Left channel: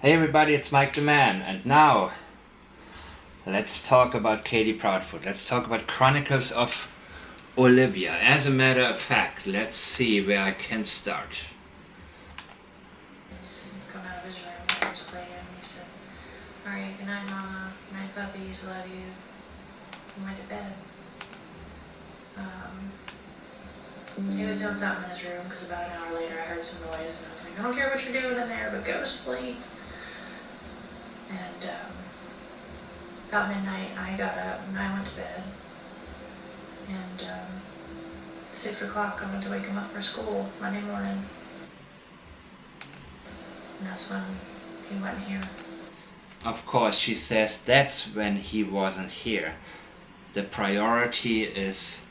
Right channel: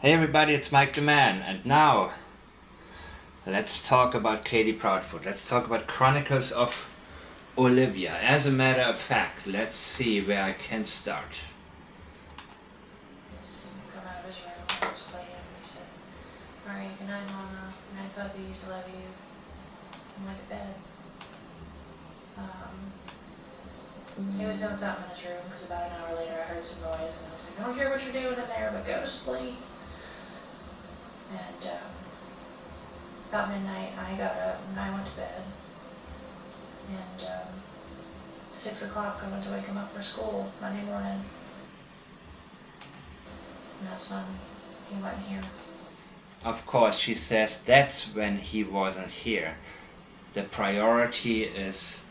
Hey everybody, it's Mike the Man, and now let's talk about Katie Proudfoot. Let's talk about Chronicles of Olivia. As a matter of fact, let's see where I can start. Come out of his room, I was playing, he said, "Alright, good night, Mama. Good night, puppies. Love you." And went to bed. He was doing something in his room because about an hour later I heard some noise and I was like, "I don't care what you're doing in there, but go to sleep." And about midnight I got up and I went to bed. And 6 o'clock I went to wake him up for school Monday morning. And that's when he went here. Of course, she says that's when he wasn't here. The priority is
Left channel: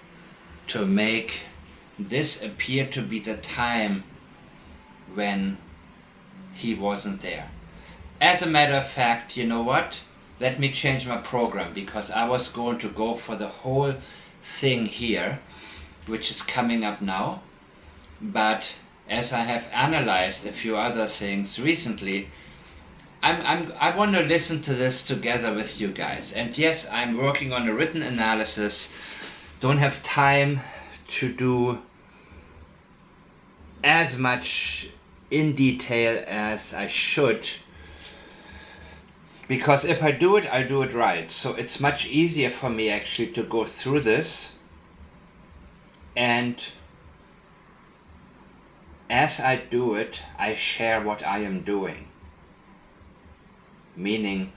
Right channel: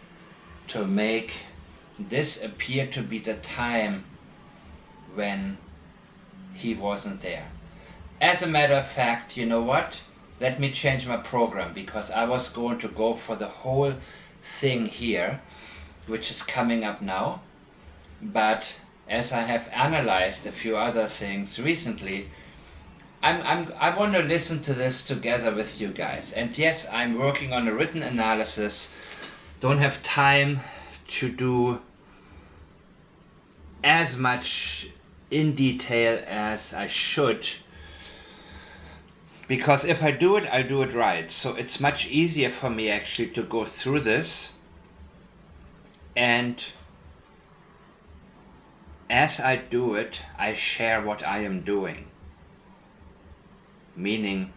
to make this appear to be the time when he wasn't there. As a matter of fact, you know what? Let me change my program because I was going to go for the whole thing here, which is coming up now. But as I have analyzed a few other things recently, I want to listen to this together with you guys. And yes, I'm working on a written analysis. Don't have time to do as much in detail as I should, because if I do it, I'll do it right. So it's much easier for me actually to go through this, and as I do it, I share what I am doing. Meaning,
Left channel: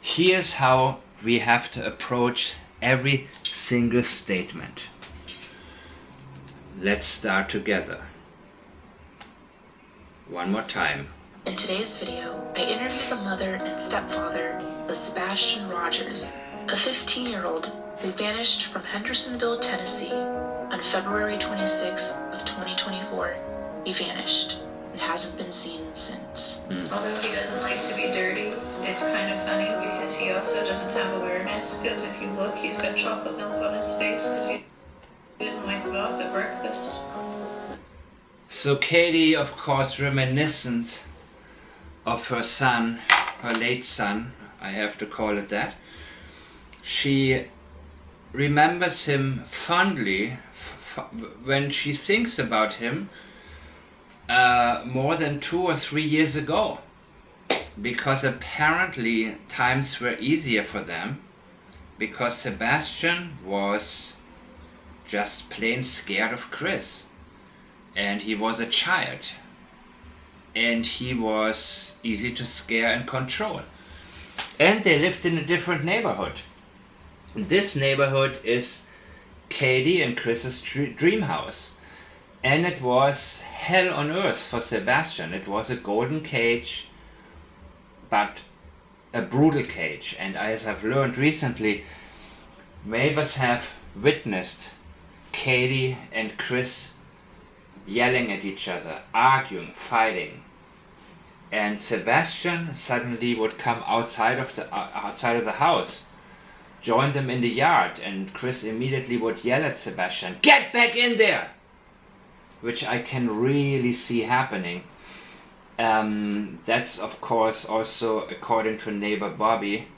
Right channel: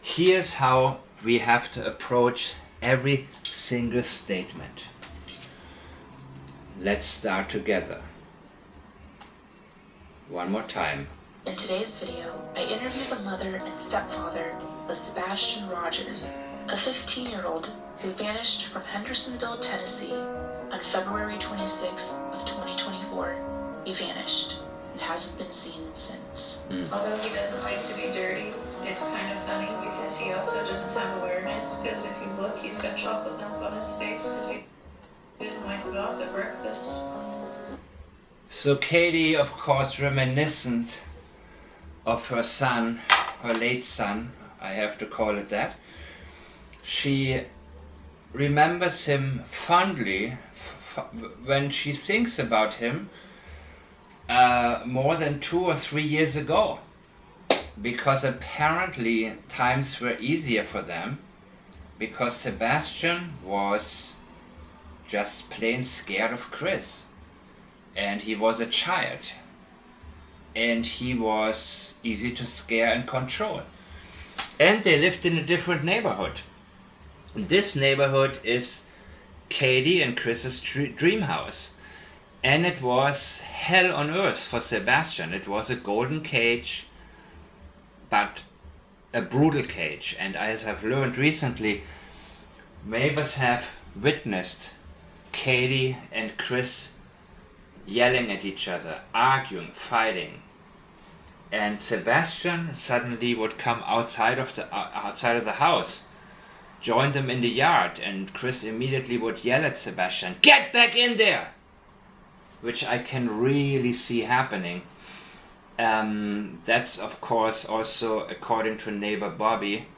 here's how we have to approach every single statement. Let's start together. One more time. In today's video, I interviewed the mother and stepfather of Sebastian Rogers, a 15-year-old who vanished from Hendersonville, Tennessee on February 26th of 2024. He vanished and hasn't been seen since. Although he doesn't like to be dirty, it's kind of funny because he also doesn't have awareness, because if you look, he's got chocolate milk on his face because he didn't wipe it off at breakfast. So Katie, of course, reminiscent of her son, her late son, I have to call it that. She remembers him fondly when she thinks about him more than 2 or 3 years ago, because apparently times were easier for them, because Sebastian was just plain scared of Chris, and he was a child, and he was easy to scare and control. And they lived in a different neighborhood. This neighborhood is Katie and Chris's dream house. And it was hell on earth for Sebastian. It was a golden cage, but a brutal cage. And as I've learned recently, neighbors have witnessed Katie and Chris yelling at each other, arguing, fighting. And Sebastian suddenly would come outside of the house, join them in the yard, and Chris immediately would yell at Sebastian, "Get back in there!" Which I can really see happening. That's of course also according to neighbor Bobby,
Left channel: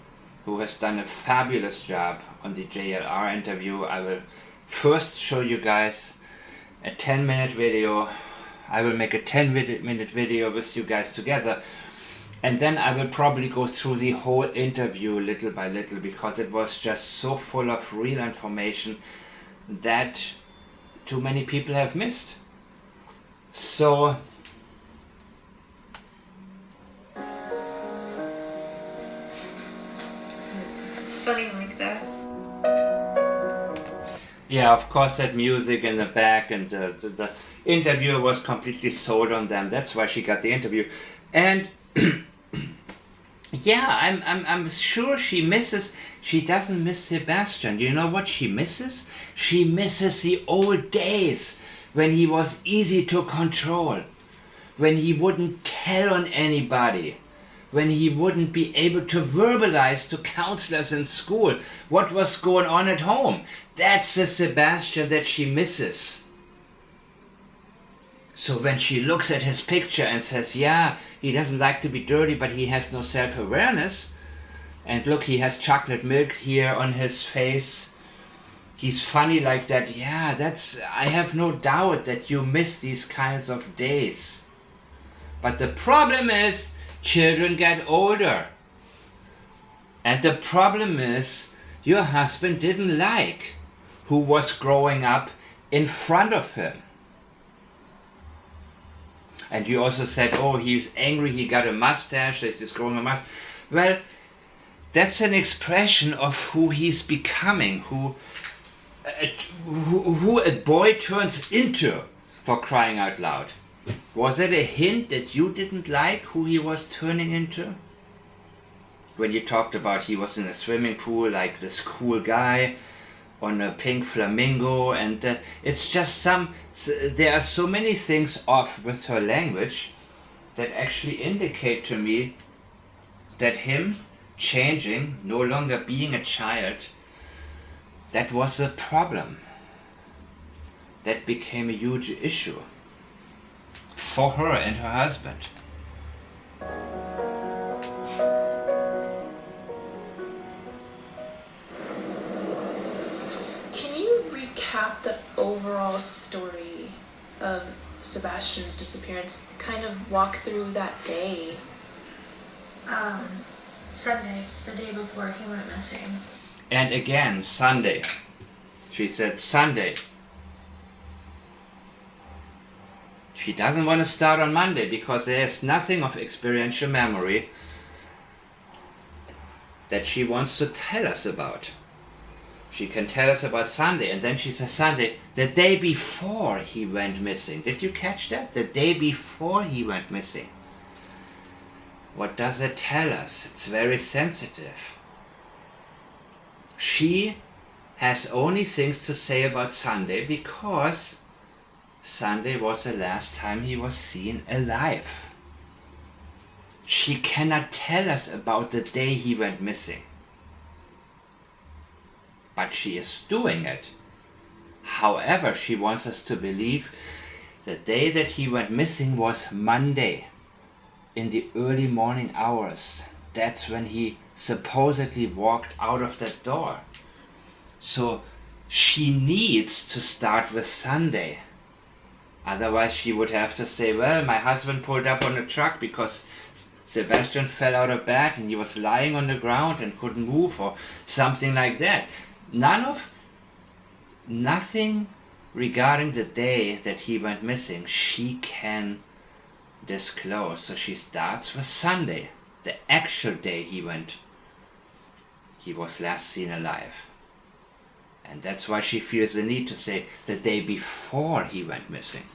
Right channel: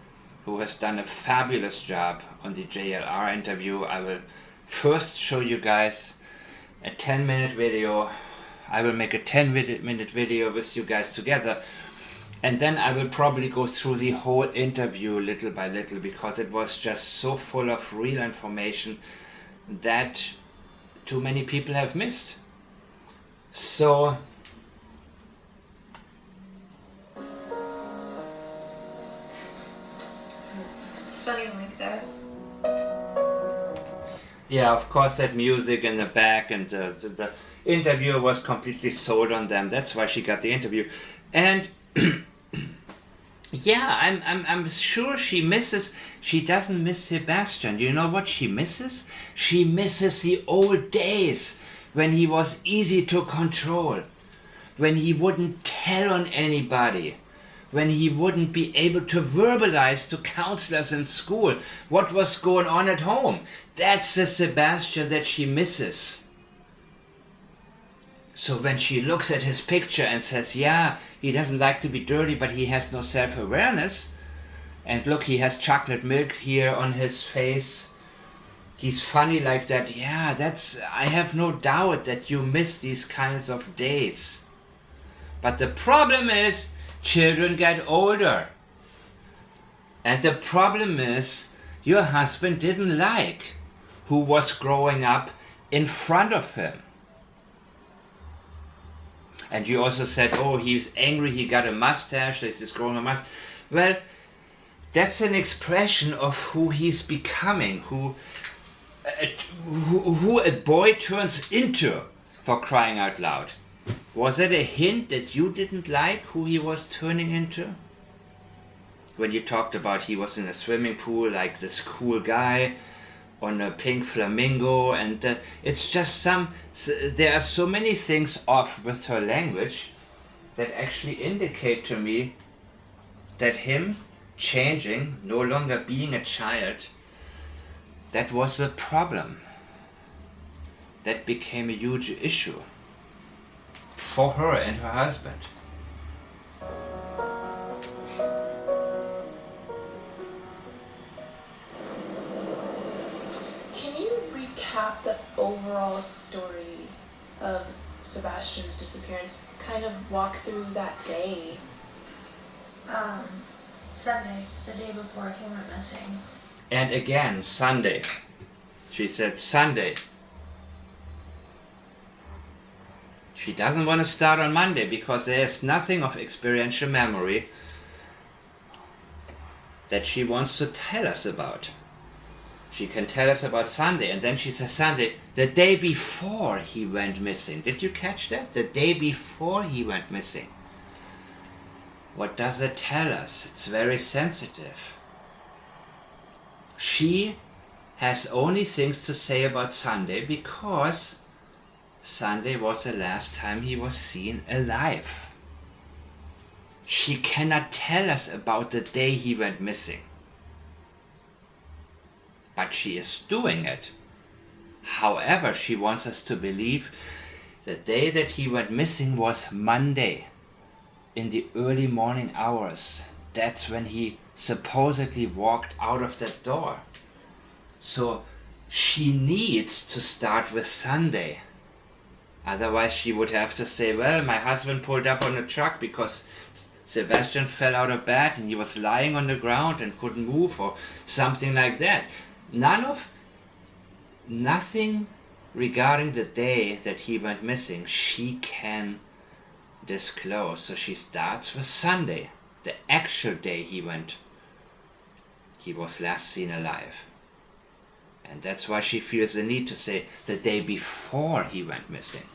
who has done a fabulous job on the JLR interview. I will first show you guys a 10-minute video. I will make a 10-minute video with you guys together, and then I will probably go through the whole interview little by little, because it was just so full of real information that too many people have missed. So It's funny like that. yeah, of course, that music in the back, and the interviewer was completely sold on them. That's why she got the interview. And yeah, I'm sure she doesn't miss Sebastian. You know what she misses? She misses the old days when he was easy to control, when he wouldn't tell on anybody, when he wouldn't be able to verbalize to counselors in school what was going on at home. That's the Sebastian that she misses. So when she looks at his picture and says, yeah, he doesn't like to be dirty, but he has no self-awareness, and look, he has chocolate milk here on his face, he's funny like that, yeah, I have no doubt that you miss these kinds of days. But the problem is, children get older. And the problem is, your husband didn't like who was growing up in front of him. And you also said, oh, he's angry, he got a mustache, he's growing a mustache. Well, that's an expression of who he's becoming, who a boy turns into, for crying out loud. Was it a hint that you didn't like who he was turning into? When you talked about he was in a swimming pool like this cool guy on a pink flamingo, and it's just there are so many things off with her language that actually indicate to me that him changing, no longer being a child, that was a problem. That became a huge issue for her and her husband. Can you recap the overall story of Sebastian's disappearance? Kind of walk through that day. Sunday, the day before he went missing. And again, Sunday. She said Sunday. She doesn't want to start on Monday because there is nothing of experiential memory that she wants to tell us about. She can tell us about Sunday, and then she says Sunday, the day before he went missing. Did you catch that? The day before he went missing. What does it tell us? It's very sensitive. She has only things to say about Sunday because Sunday was the last time he was seen alive. She cannot tell us about the day he went missing. But she is doing it. However, she wants us to believe the day that he went missing was Monday in the early morning hours. That's when he supposedly walked out of that door. So she needs to start with Sunday. Otherwise she would have to say, well, my husband pulled up on a truck because Sebastian fell out of bed and he was lying on the ground and couldn't move, or something like that. Nothing regarding the day that he went missing she can disclose. So she starts with Sunday, the actual day he was last seen alive. And that's why she feels the need to say the day before he went missing.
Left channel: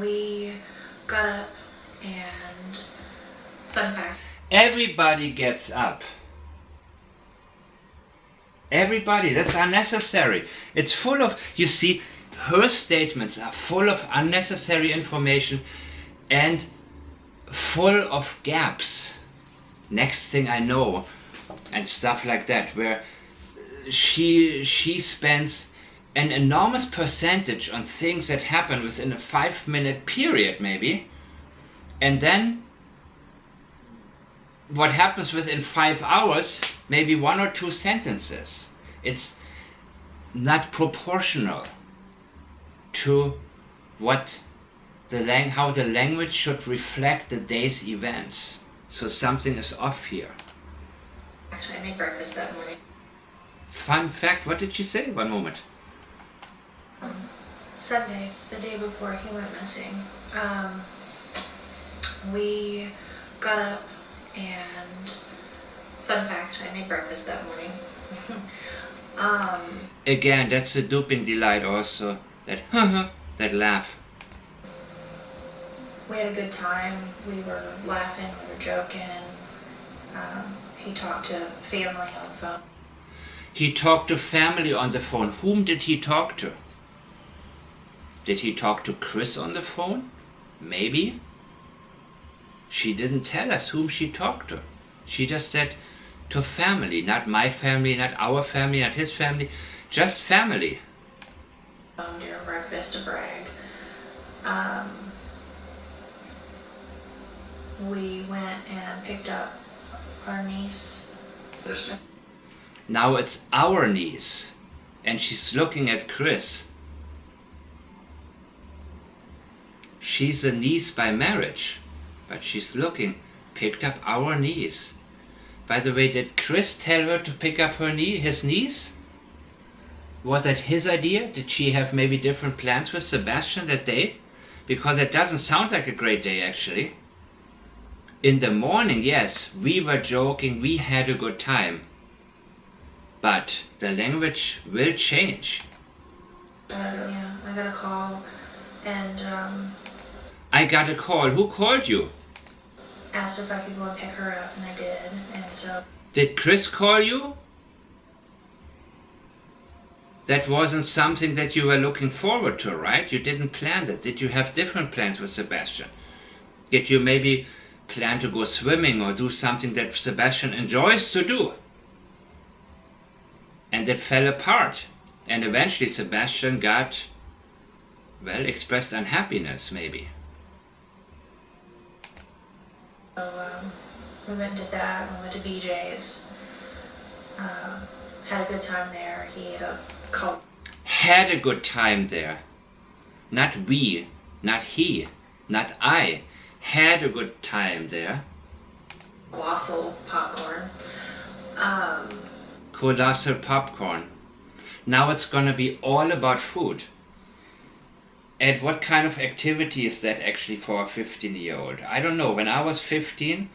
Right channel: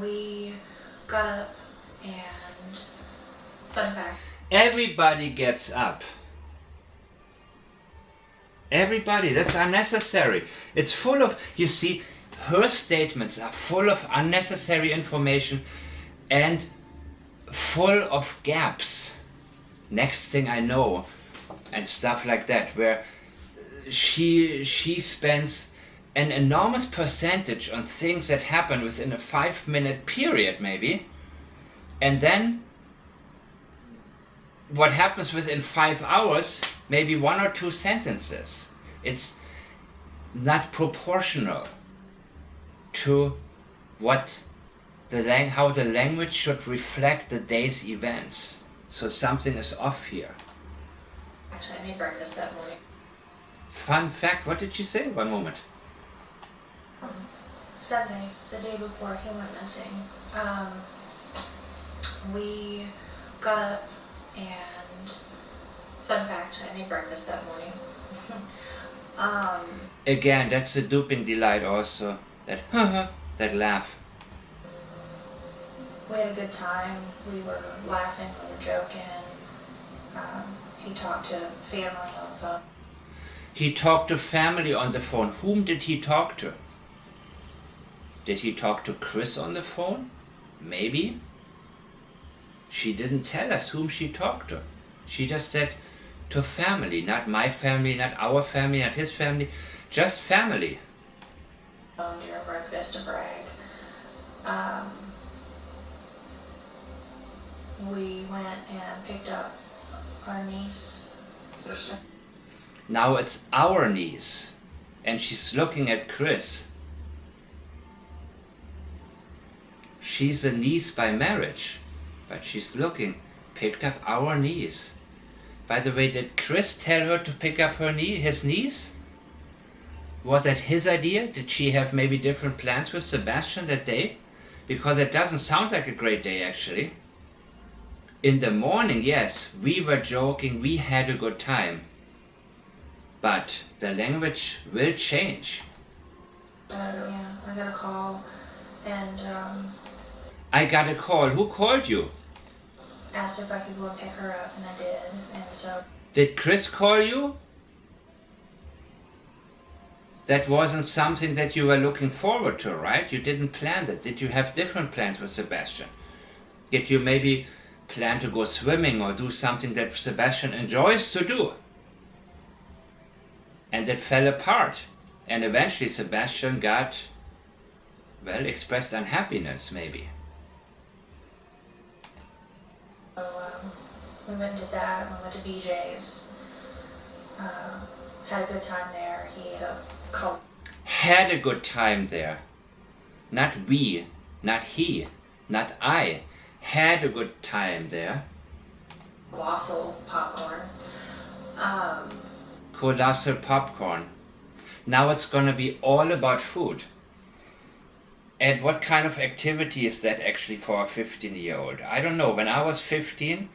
We got up and, fun fact, everybody gets up. Everybody, that's unnecessary. It's full of, you see, her statements are full of unnecessary information and full of gaps. Next thing I know, and stuff like that, where she spends an enormous percentage on things that happen within a 5-minute period maybe, and then what happens within 5 hours, maybe 1 or 2 sentences. It's not proportional to what how the language should reflect the day's events. So something is off here. actually, I made breakfast that morning. Fun fact, what did she say? One moment. Sunday, the day before he went missing, we got up and, fun fact, I made breakfast that morning. Again, that's the duping delight also. That that laugh. We had a good time. We were laughing, we were joking. He talked to family on the phone. He talked to family on the phone. Whom did he talk to? Did he talk to Chris on the phone? Maybe. She didn't tell us whom she talked to. She just said to family, not my family, not our family, not his family, just family. during breakfast to brag. Um, we went and picked up our niece. Now it's our niece, and she's looking at Chris. She's a niece by marriage, but she's looking, picked up our niece. By the way, did Chris tell her to pick up his niece? Was that his idea? Did she have maybe different plans with Sebastian that day? Because it doesn't sound like a great day, actually. In the morning, yes, we were joking, we had a good time. But the language will change. Yeah, I got a call, and I got a call. Who called you? asked if I could go and pick her up, and I did. And so, Did Chris call you? That wasn't something that you were looking forward to, right? You didn't plan that. Did you have different plans with Sebastian? Did you maybe plan to go swimming or do something that Sebastian enjoys to do? And it fell apart. And eventually Sebastian got, well, expressed unhappiness, maybe. so we went and did that. We went to BJ's. Had a good time there. He ate a Had a good time there. Not we, not he, not I. Had a good time there. colossal popcorn. Colossal popcorn. Now it's gonna be all about food. And what kind of activity is that actually for a 15-year-old? I don't know. When I was 15,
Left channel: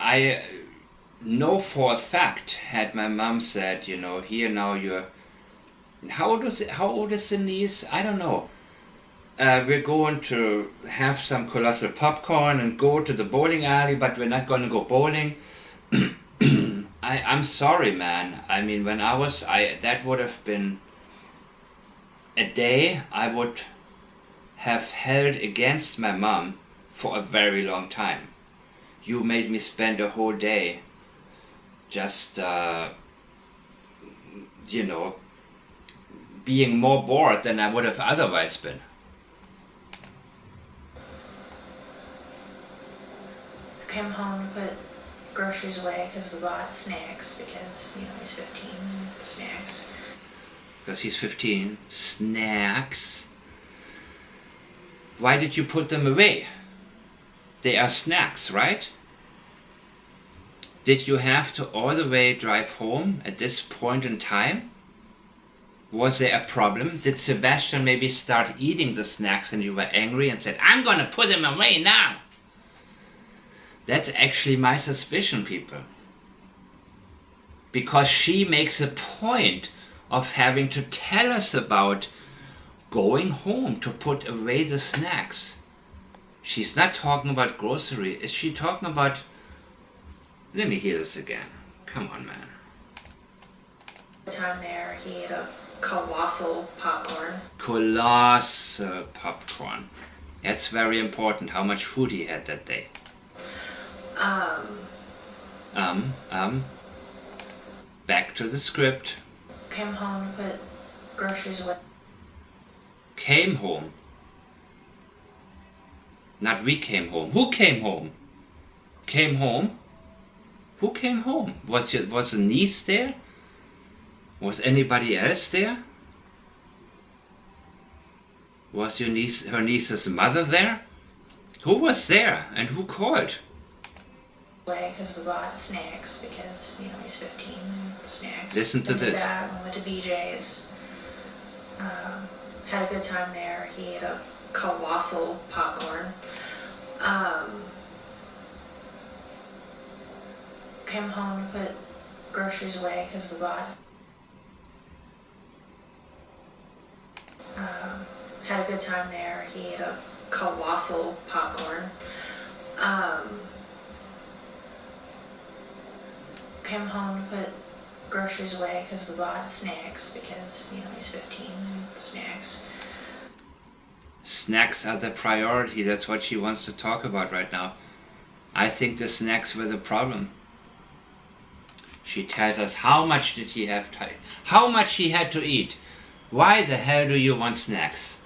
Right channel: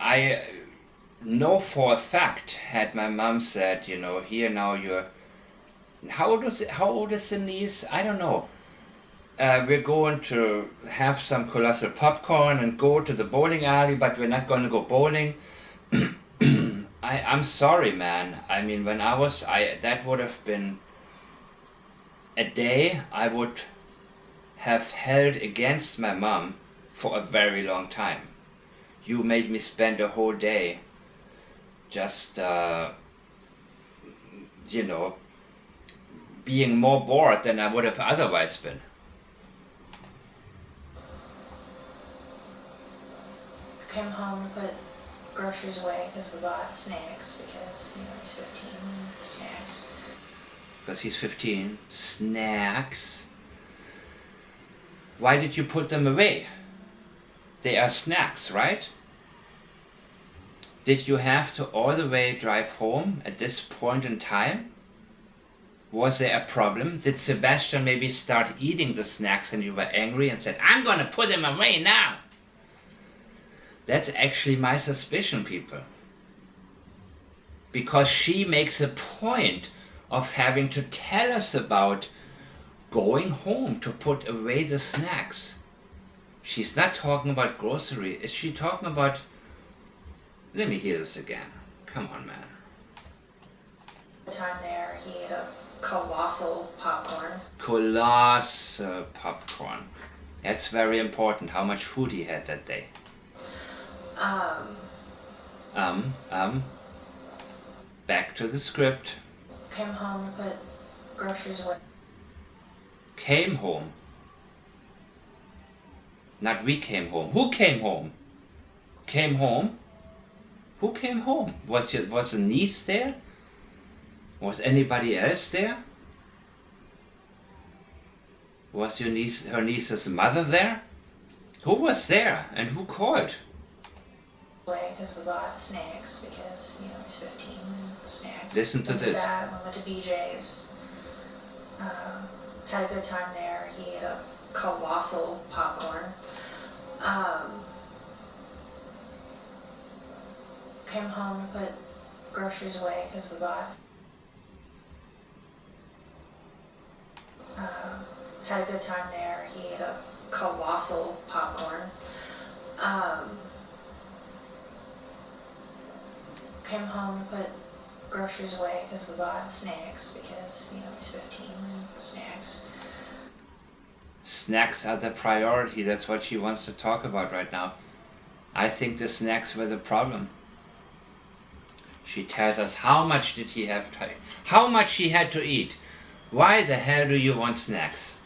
I know for a fact, had my mom said, you know, here now you're, how old is the niece? I don't know. We're going to have some colossal popcorn and go to the bowling alley, but we're not going to go bowling. I'm sorry, man. I mean, when that would have been a day I would have held against my mom for a very long time. You made me spend a whole day just, you know, being more bored than I would have otherwise been. Came home to put groceries away because we bought snacks because, you know, he's 15. Snacks. Because he's 15. Snacks. Why did you put them away? They are snacks, right? Did you have to all the way drive home at this point in time? Was there a problem? Did Sebastian maybe start eating the snacks and you were angry and said, I'm gonna put them away now? That's actually my suspicion, people. Because she makes a point of having to tell us about going home to put away the snacks. She's not talking about grocery. Is she talking about... Let me hear this again. Come on, man. Time there, he ate a colossal popcorn. Colossal popcorn. That's very important, how much food he had that day. Back to the script. Came home to put groceries away. Came home. Not we came home. Who came home? Came home? Who came home? Was the niece there? Was anybody else there? Was her niece's mother there? Who was there and who called? Because we bought snacks because, you know, he's 15. Snacks. Listen to this. We went to BJ's. Had a good time there. He ate a colossal popcorn. Came home to put groceries away because we bought. Had a good time there. He ate a colossal popcorn. Came home to put groceries away because we bought snacks because, you know, he's 15. Snacks. Snacks are the priority. That's what she wants to talk about right now. I think the snacks were the problem. She tells us how much did he have to, how much he had to eat. Why the hell do you want snacks?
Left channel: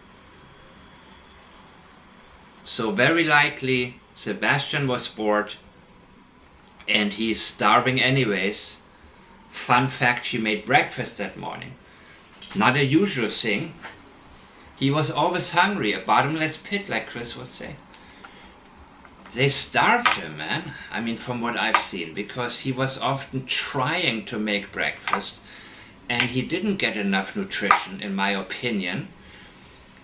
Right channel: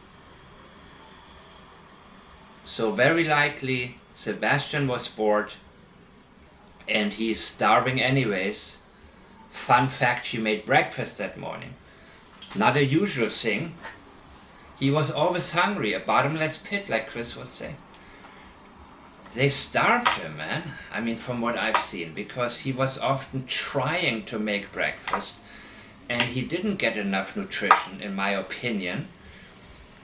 So very likely Sebastian was bored and he's starving anyways. Fun fact, she made breakfast that morning. Not a usual thing. He was always hungry, a bottomless pit, like Chris was saying. They starved him, man. I mean, from what I've seen, because he was often trying to make breakfast and he didn't get enough nutrition, in my opinion.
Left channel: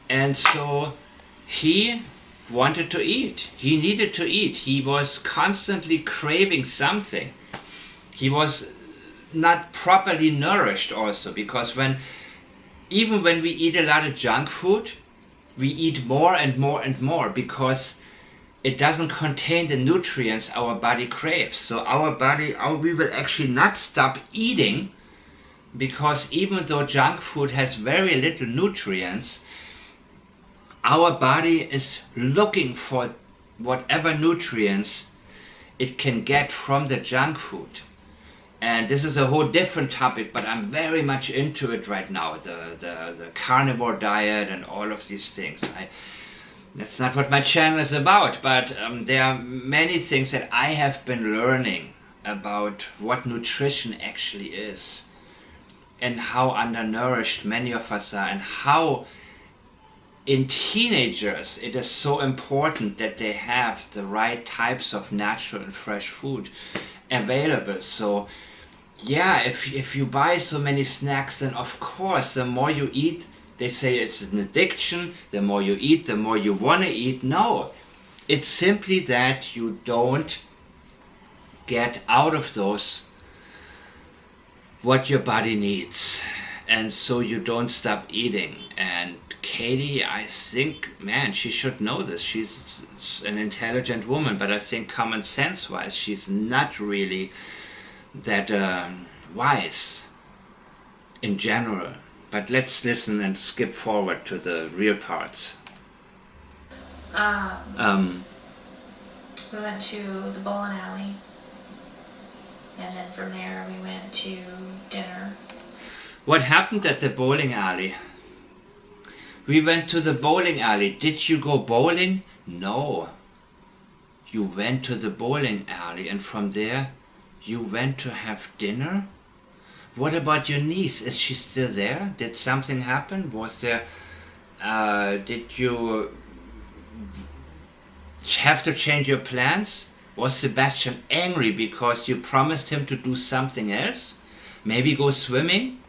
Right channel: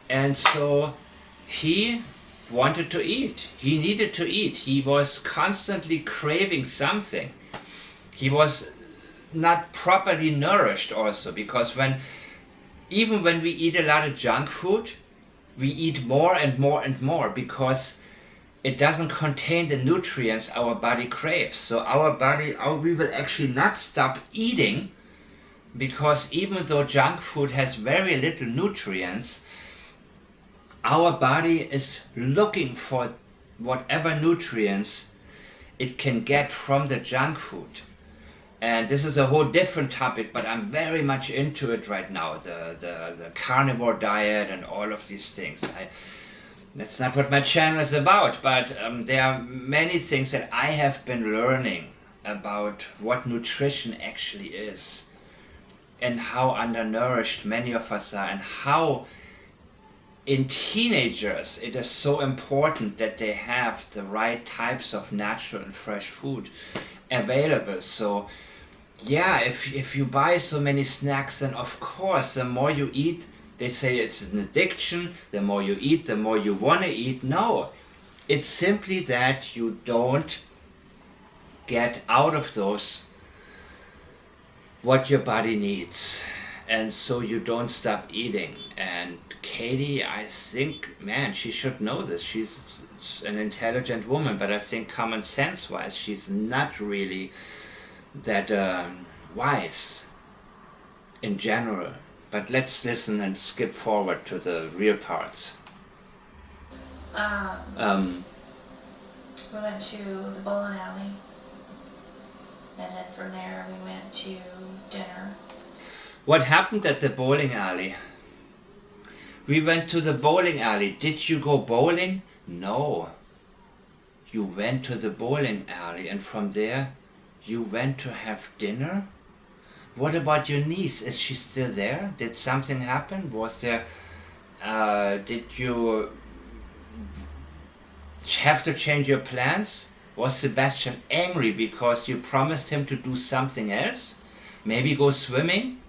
And so he wanted to eat. He needed to eat. He was constantly craving something. He was not properly nourished also, because even when we eat a lot of junk food, we eat more and more and more because it doesn't contain the nutrients our body craves. So we will actually not stop eating, because even though junk food has very little nutrients, our body is looking for whatever nutrients it can get from the junk food. And this is a whole different topic, but I'm very much into it right now, the carnivore diet and all of these things. That's not what my channel is about, but there are many things that I have been learning about what nutrition actually is and how undernourished many of us are, and how in teenagers it is so important that they have the right types of natural and fresh food available. So yeah, if you buy so many snacks, then of course the more you eat, they say it's an addiction, the more you eat, the more you want to eat. No, it's simply that you don't get out of those what your body needs, and so you don't stop eating. And Katie, I think, man, she should know this. She's an intelligent woman, but I think common sense wise she's not really that wise in general. But let's listen and skip forward to the real parts. We went to the bowling alley, and then from there we went to dinner. What happened at the bowling alley? We went to the bowling alley. Did you go bowling? No. You went to the bowling alley, and from there you went to have dinner? What about your niece? Is she still there? Did something happen? Was there... did you have to change your plans? Was Sebastian angry because you promised him to do something else? Maybe go swimming?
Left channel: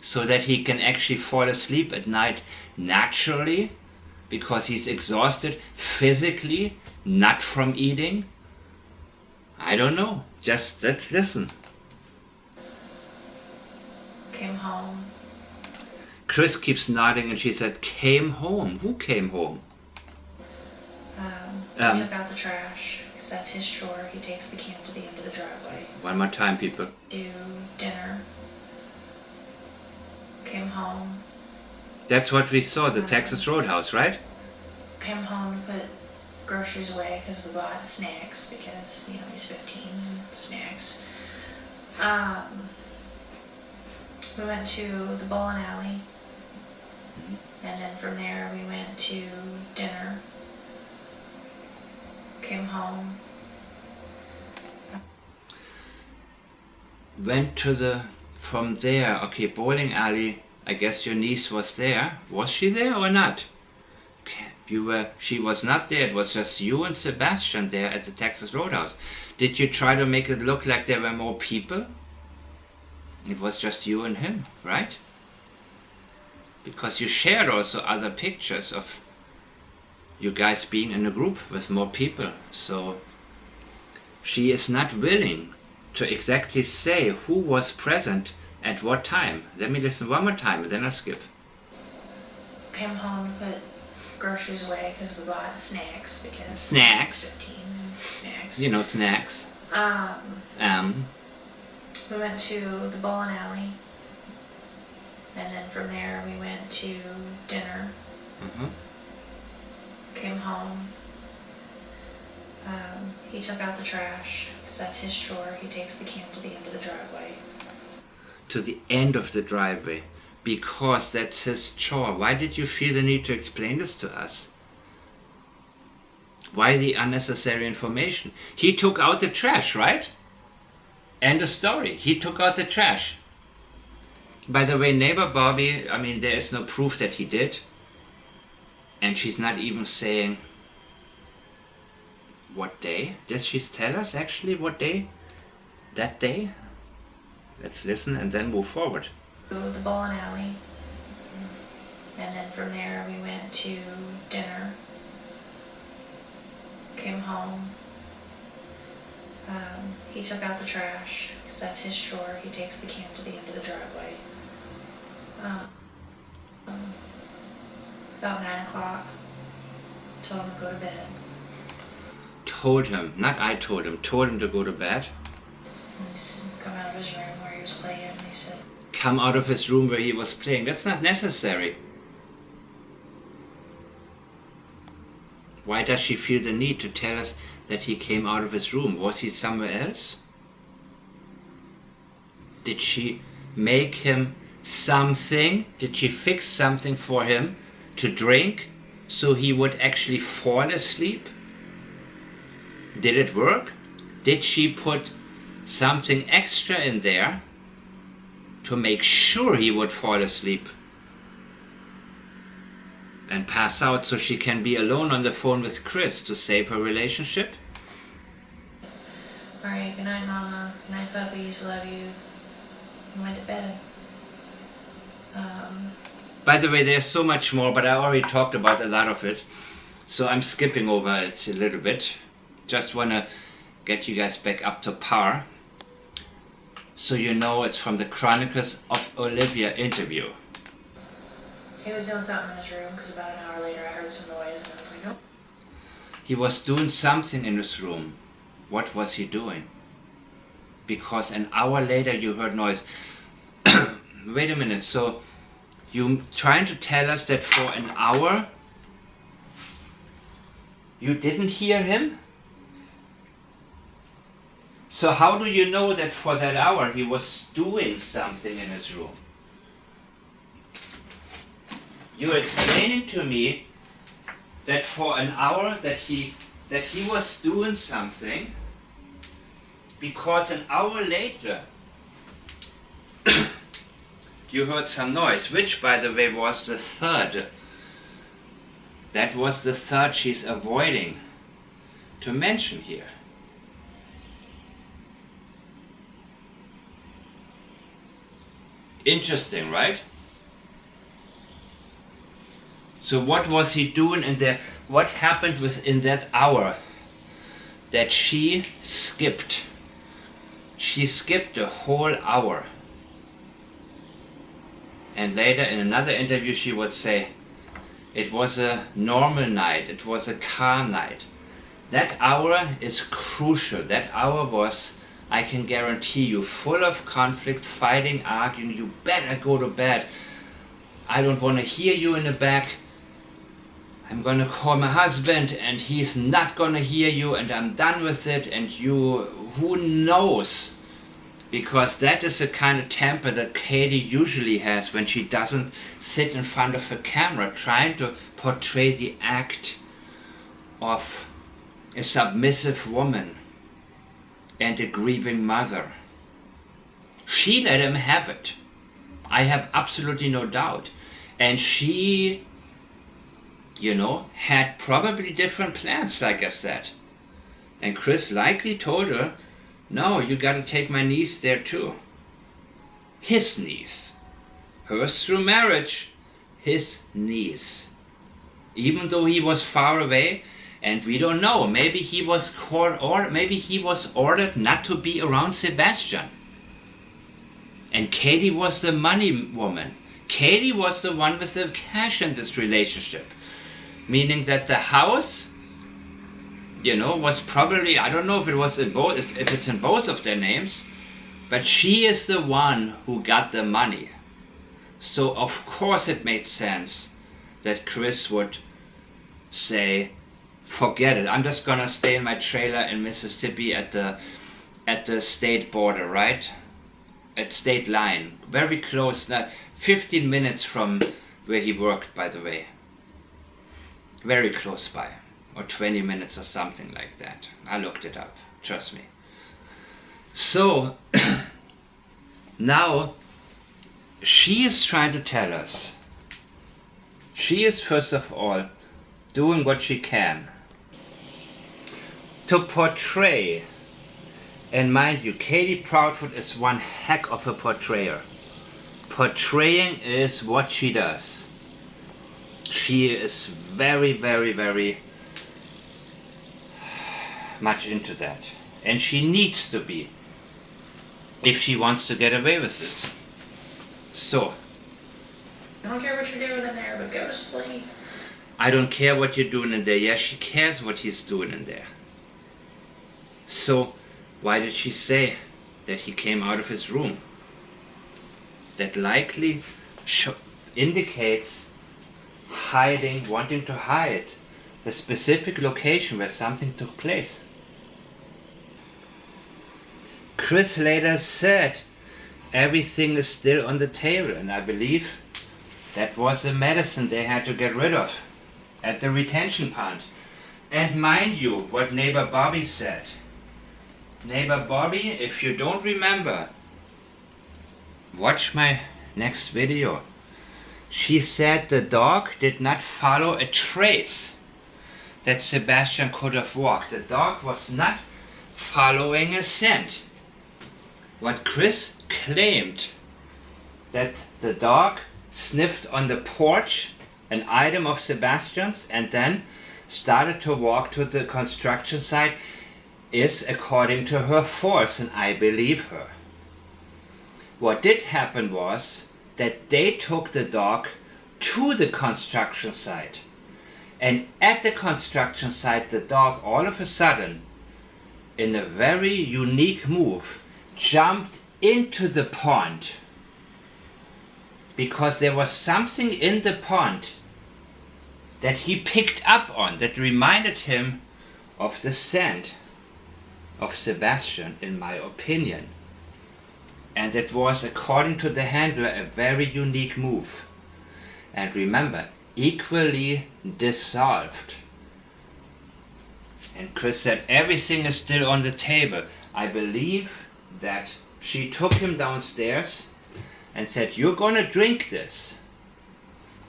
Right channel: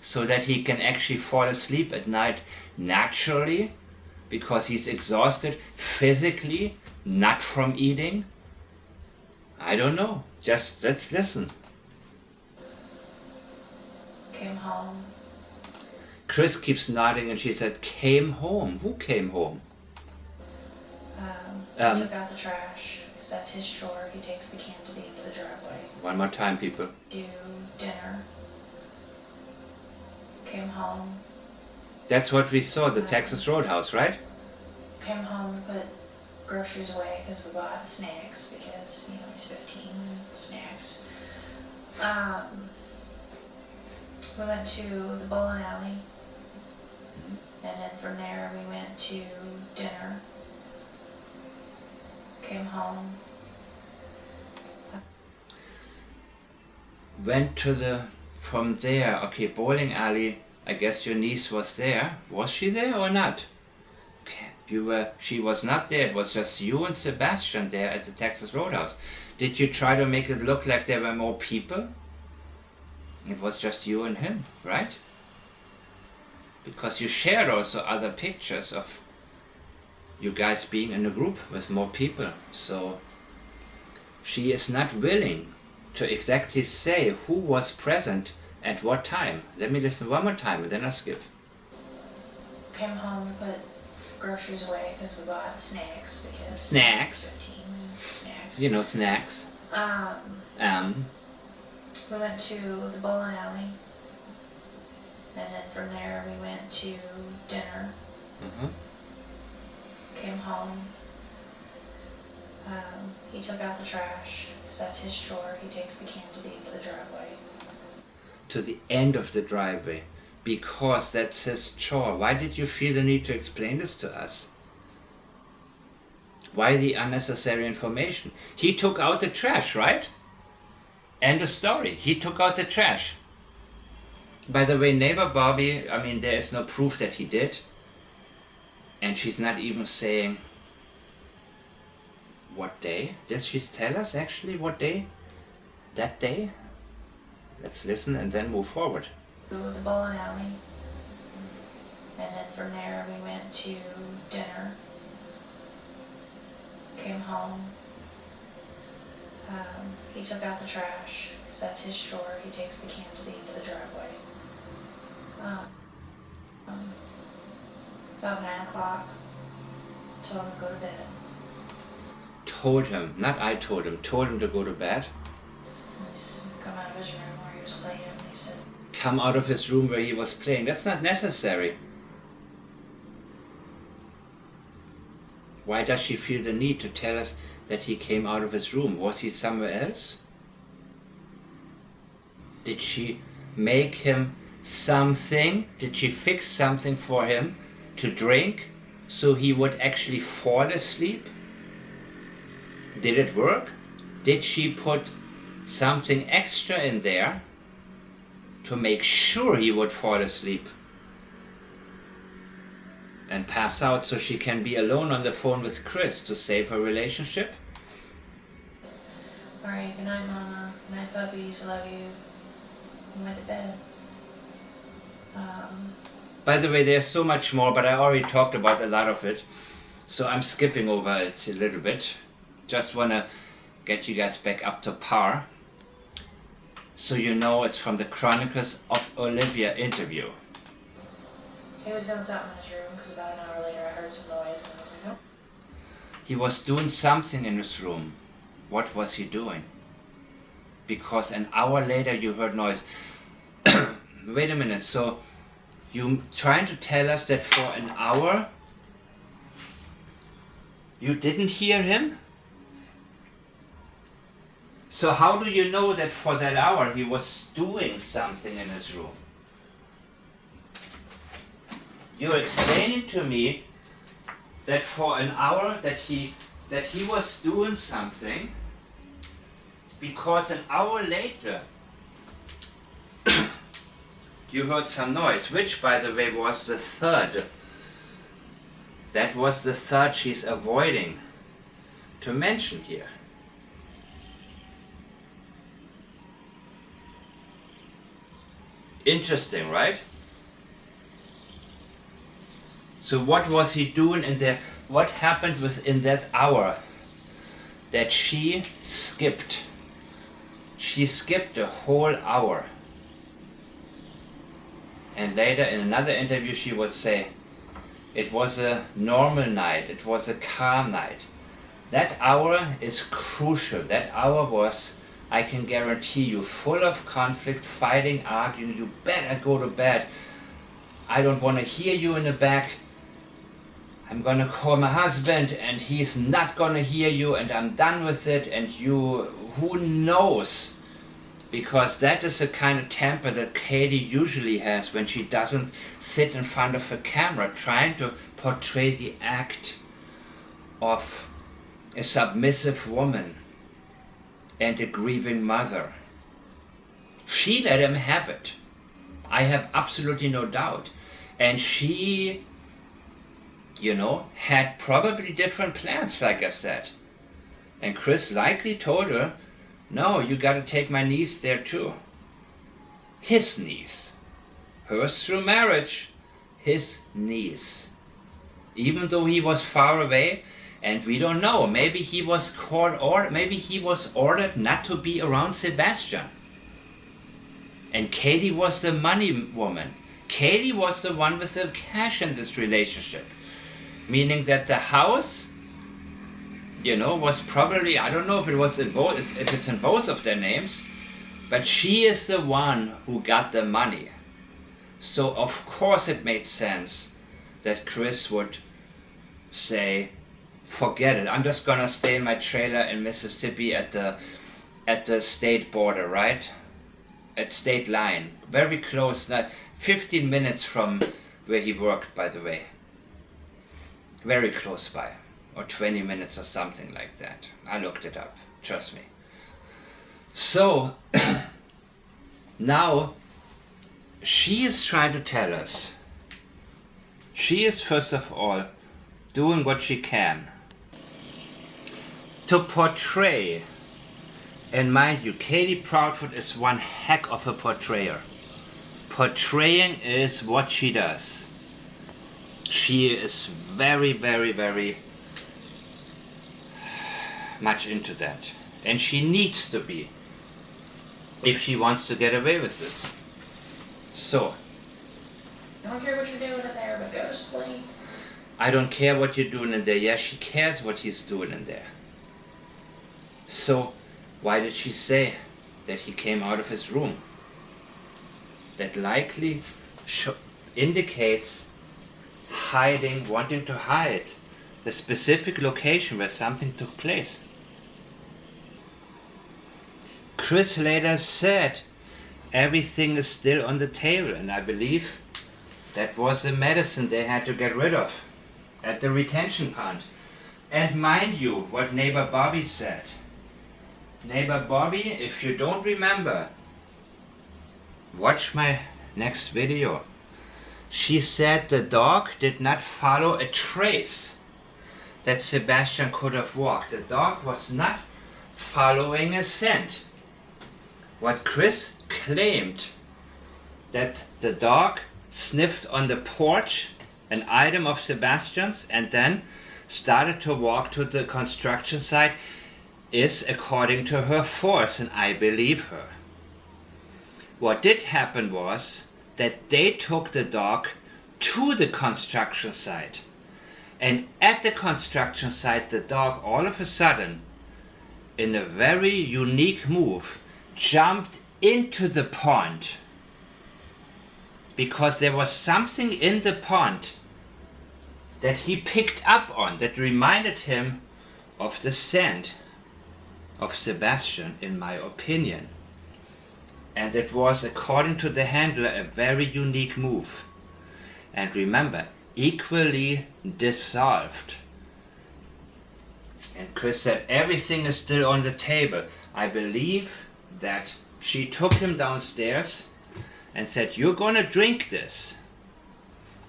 So that he can actually fall asleep at night naturally, because he's exhausted physically, not from eating? I don't know. Just let's listen. Came home. Chris keeps nodding and she said, came home. Who came home? He took out the trash, because that's his chore. He takes the can to the end of the driveway. One more time, people. Do dinner. Came home. That's what we saw, the Texas Roadhouse, right? Came home to put groceries away because we bought snacks, because, he's 15 and snacks. We went to the bowling alley, and then from there we went to dinner. Came home. From there, okay, bowling alley, I guess your niece was there. Was she there or not? Okay, she was not there, it was just you and Sebastian there at the Texas Roadhouse. Did you try to make it look like there were more people? It was just you and him, right? Because you shared also other pictures of you guys being in a group with more people. So she is not willing to exactly say who was present at what time. Let me listen one more time and then I'll skip. Came home to put groceries away because we bought snacks, because Snacks. 15 snacks. Snacks. We went to the bowling alley, and then from there we went to dinner. Came home. He took out the trash, because that's his chore. He takes the can to the end of the driveway. to the end of the driveway because that's his chore. Why did you feel the need to explain this to us? Why the unnecessary information? He took out the trash, right? End of story. He took out the trash. By the way, neighbor Bobby, I mean, there is no proof that he did. And she's not even saying what day. Does she tell us actually what day? That day? Let's listen and then move forward. To the bowling alley. And then from there we went to dinner. Came home. He took out the trash because that's his chore. He takes the can to the end of the driveway. About 9 o'clock, told him to go to bed. Told him, not I told him to go to bed. He said, come out of his room where he was playing, and he said, Come out of his room where he was playing. That's not necessary. Why does she feel the need to tell us that he came out of his room? Was he somewhere else? Did she make him something? Did she fix something for him to drink so he would actually fall asleep? Did it work? Did she put something extra in there to make sure he would fall asleep and pass out so she can be alone on the phone with Chris to save her relationship? alright, good night, Mama. Good night, puppies. Love you. And went to bed. By the way, there's so much more, but I already talked about a lot of it, so I'm skipping over it a little bit. Just want to get you guys back up to par, so you know it's from the Chronicles of Olivia interview. He was doing something in his room because about an hour later I heard some noise and I was like, oh. He was doing something in his room. What was he doing? Because an hour later you heard noise. Wait a minute, so you trying to tell us that for an hour you didn't hear him? So how do you know that for that hour he was doing something in his room? You're explaining to me that for an hour that he was doing something because an hour later you heard some noise, which by the way was the third. That was the third she's avoiding to mention here. Interesting, right? So what was he doing in there? What happened within that hour that she skipped? She skipped a whole hour. And later in another interview she would say, it was a normal night, it was a calm night. That hour is crucial. That hour was, I can guarantee you, full of conflict, fighting, arguing. You better go to bed. I don't want to hear you in the back. I'm gonna call my husband and he's not gonna hear you and I'm done with it, and you, who knows? Because that is the kind of temper that Katie usually has when she doesn't sit in front of a camera trying to portray the act of a submissive woman and a grieving mother. She let him have it. I have absolutely no doubt. And she, you know, had probably different plans, like I said. And Chris likely told her, no, you gotta take my niece there too. His niece. Hers through marriage. His niece. Even though he was far away, and we don't know, maybe he was called, or maybe he was ordered not to be around Sebastian. And Katie was the money woman. Katie was the one with the cash in this relationship. Meaning that the house, you know, was probably, I don't know if it was in both, if it's in both of their names, but she is the one who got the money. So of course it made sense that Chris would say, forget it, I'm just gonna stay in my trailer in Mississippi at the state border, right? at State Line, very close, 15 minutes from where he worked, by the way. Very close by, or 20 minutes or something like that. I looked it up, trust me. So now she is trying to tell us, she is first of all doing what she can to portray, and mind you, Katie Proudfoot is one heck of a portrayer. Portraying is what she does. She is very, very, very much into that. And she needs to be, if she wants to get away with this. So, I don't care what you're doing in there, but go to sleep. I don't care what you're doing in there. Yeah, she cares what he's doing in there. So, why did she say that he came out of his room? That likely indicates hiding, wanting to hide the specific location where something took place. Chris later said everything is still on the table, and I believe that was the medicine they had to get rid of at the retention pond. And mind you, what neighbor Bobby said. Neighbor Bobby, if you don't remember, watch my next video. She said the dog did not follow a trace that Sebastian could have walked. The dog was not following a scent. What Chris claimed, that the dog sniffed on the porch an item of Sebastian's and then started to walk to the construction site, is according to her force, and I believe her. What did happen was that they took the dog to the construction site, and at the construction site the dog all of a sudden, in a very unique move, jumped into the pond, because there was something in the pond that he picked up on that reminded him of the scent of Sebastian, in my opinion. And it was, according to the handler, a very unique move. And remember, equally dissolved. And Chris said everything is still on the table. I believe that she took him downstairs and said, you're gonna drink this.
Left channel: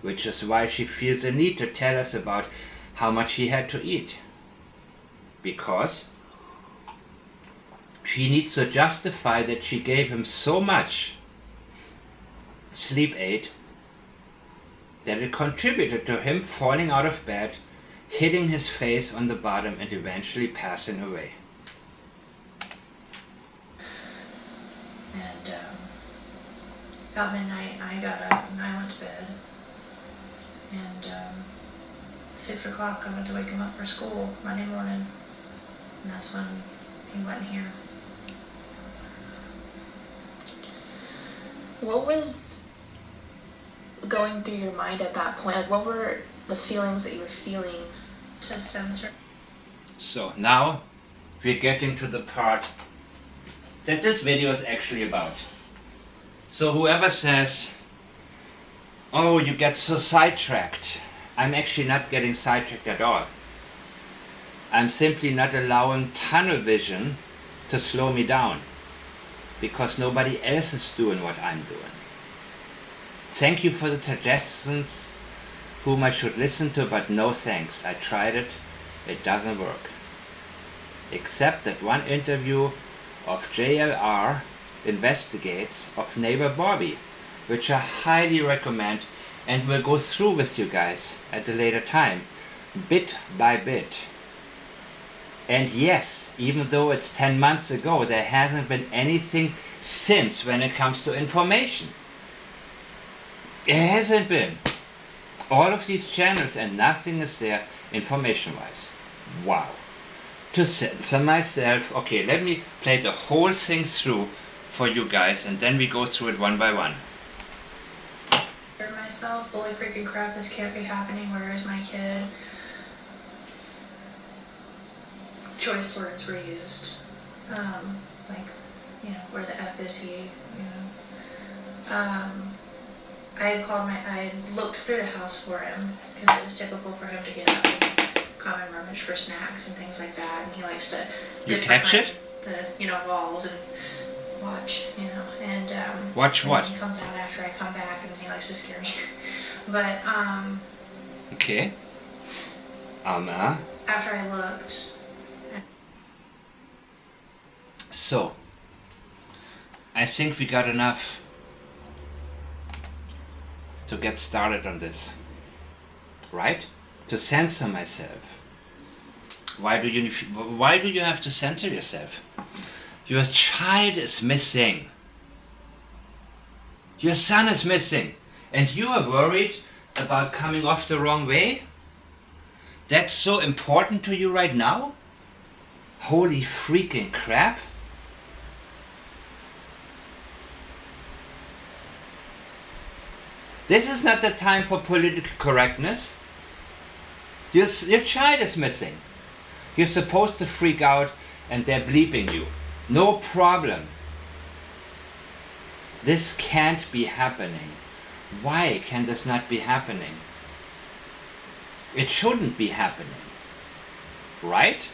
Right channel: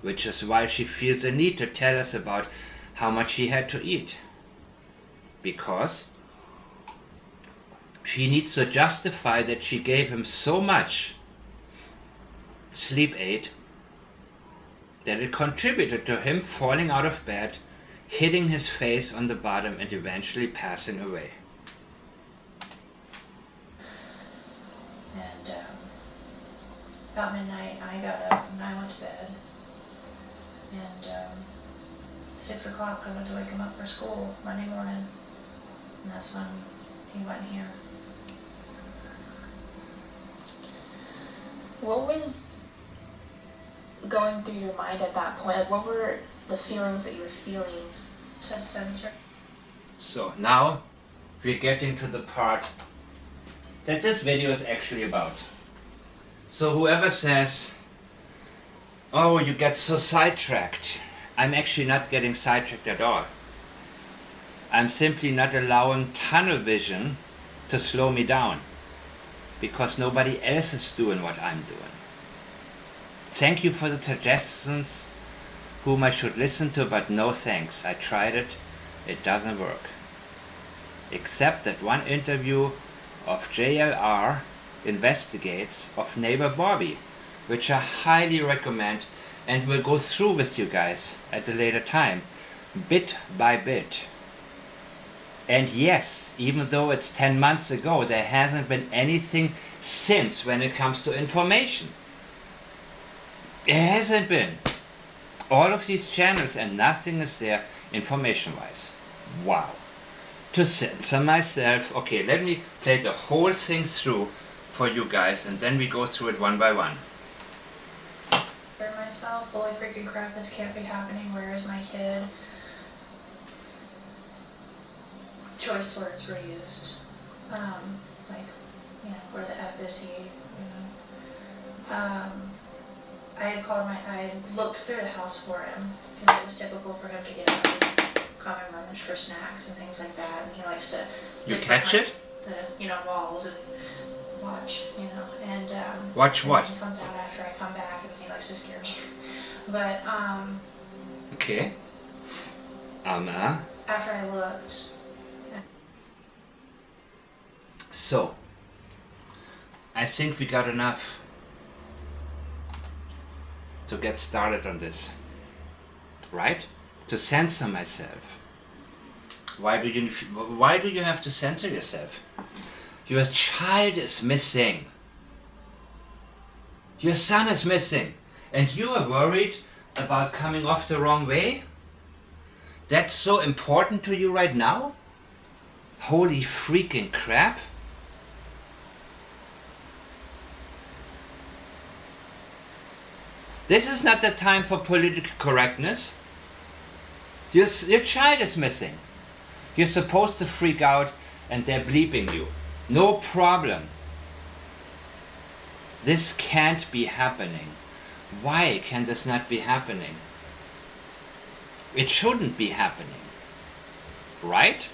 Which is why she feels the need to tell us about how much he had to eat. Because she needs to justify that she gave him so much sleep aid that it contributed to him falling out of bed, hitting his face on the bottom, and eventually passing away. And about midnight, I got up and I went to bed. And 6 o'clock, I went to wake him up for school Monday morning. And that's when he went here. What was going through your mind at that point? Like, what were the feelings that you were feeling? To censor. So now we're getting to the part that this video is actually about. So whoever says, oh, you get so sidetracked, I'm actually not getting sidetracked at all. I'm simply not allowing tunnel vision to slow me down, because nobody else is doing what I'm doing. Thank you for the suggestions whom I should listen to, but no thanks. I tried it, it doesn't work. Except that one interview of JLR Investigates of neighbor Bobby, which I highly recommend and will go through with you guys at a later time, bit by bit. And yes, even though it's 10 months ago, there hasn't been anything since when it comes to information. It hasn't been. All of these channels and nothing is there information-wise. Wow. To censor myself. Okay, let me play the whole thing through for you guys, and then we go through it one by one. Myself, holy freaking crap, this can't be happening. Where is my kid? Choice words were used. Like, where the F is he, I had looked through the house for him, because it was typical for him to get up and come and rummage for snacks and things like that, and he likes to You dip catch behind it? the, walls and watch, and, Watch and what? then he comes out after I come back, and he likes to scare me. But, Okay. after I looked, So, I think we got enough to get started on this, right? To censor myself. Why do you have to censor yourself? Your child is missing. Your son is missing, and you are worried about coming off the wrong way? That's so important to you right now? Holy freaking crap. This is not the time for political correctness. Your child is missing. You're supposed to freak out and they're bleeping you. No problem. This can't be happening. Why can this not be happening? It shouldn't be happening. Right?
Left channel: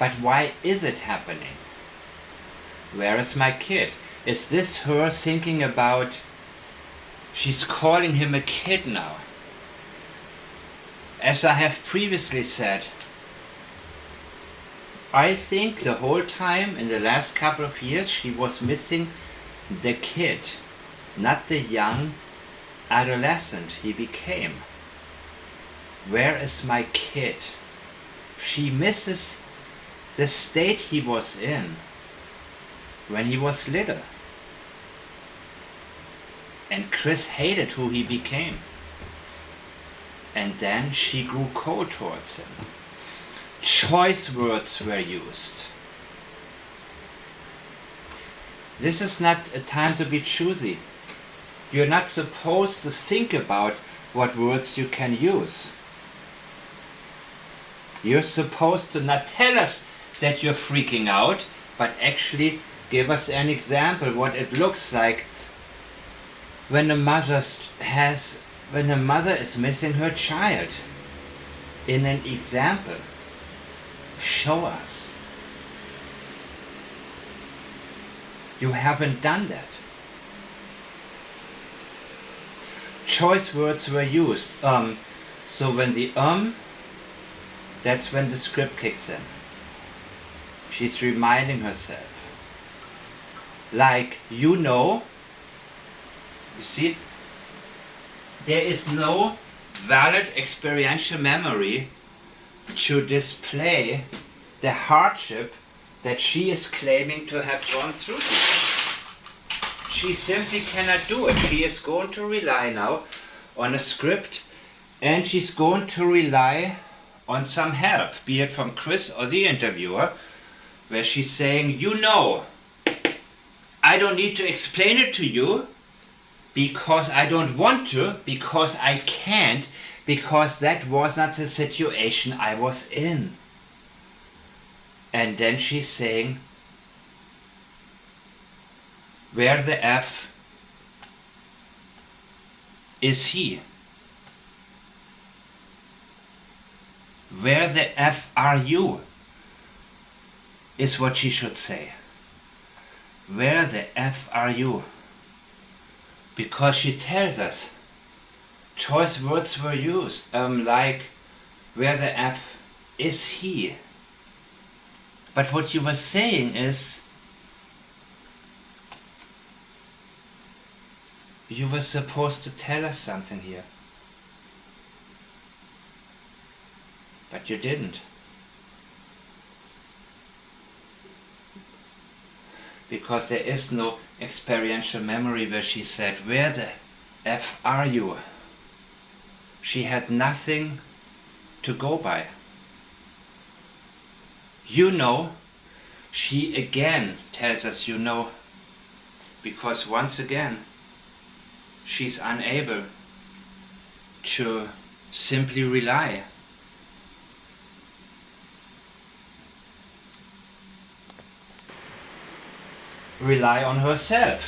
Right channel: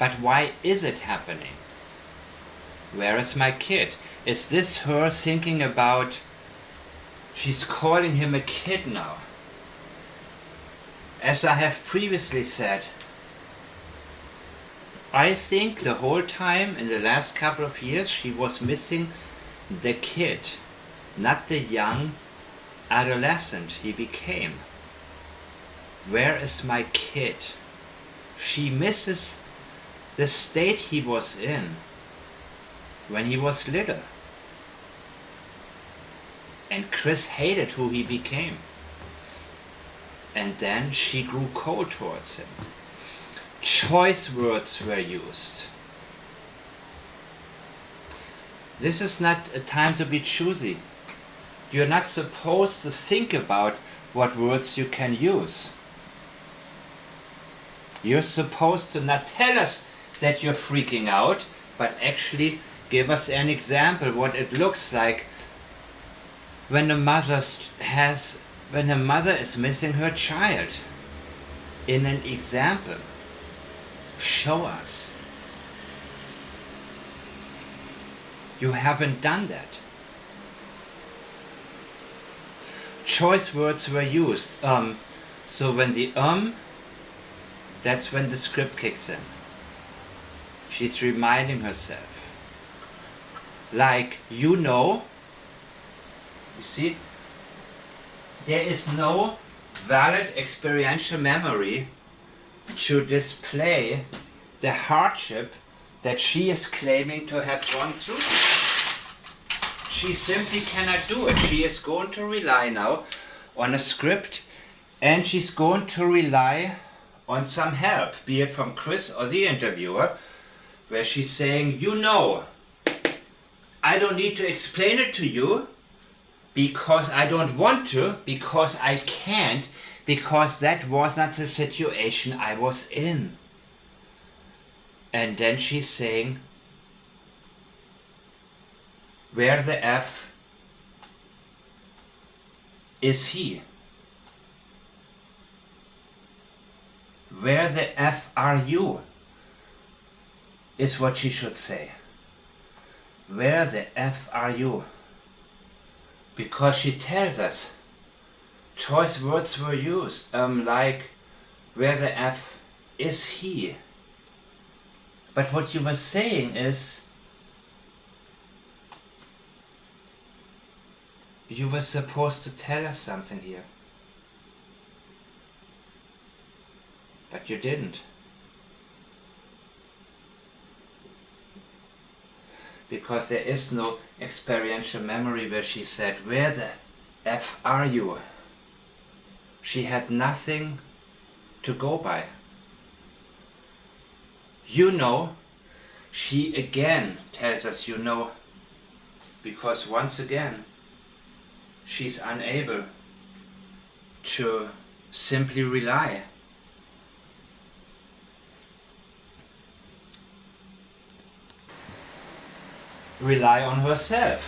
But why is it happening? Where is my kid? Is this her thinking about... She's calling him a kid now. As I have previously said, I think the whole time in the last couple of years she was missing the kid, not the young adolescent he became. Where is my kid? She misses the state he was in when he was little. And Chris hated who he became. And then she grew cold towards him. Choice words were used. This is not a time to be choosy. You're not supposed to think about what words you can use. You're supposed to not tell us that you're freaking out, but actually give us an example what it looks like when a mother is missing her child. In an example, show us. You haven't done that. Choice words were used. So when the that's when the script kicks in. She's reminding herself. Like, you see, there is no valid experiential memory to display the hardship that she is claiming to have gone through. She simply cannot do it. She is going to rely now on a script, and she's going to rely on some help, be it from Chris or the interviewer, where she's saying, I don't need to explain it to you, because I don't want to, because I can't, because that was not the situation I was in. And then she's saying, where the F is he? Where the F are you? Is what she should say. Where the F are you? Because she tells us choice words were used, like where the F is he. But what you were saying is, you were supposed to tell us something here. But you didn't. Because there is no experiential memory where she said, where the F are you? She had nothing to go by. She again tells us because once again, she's unable to simply rely. rely on herself.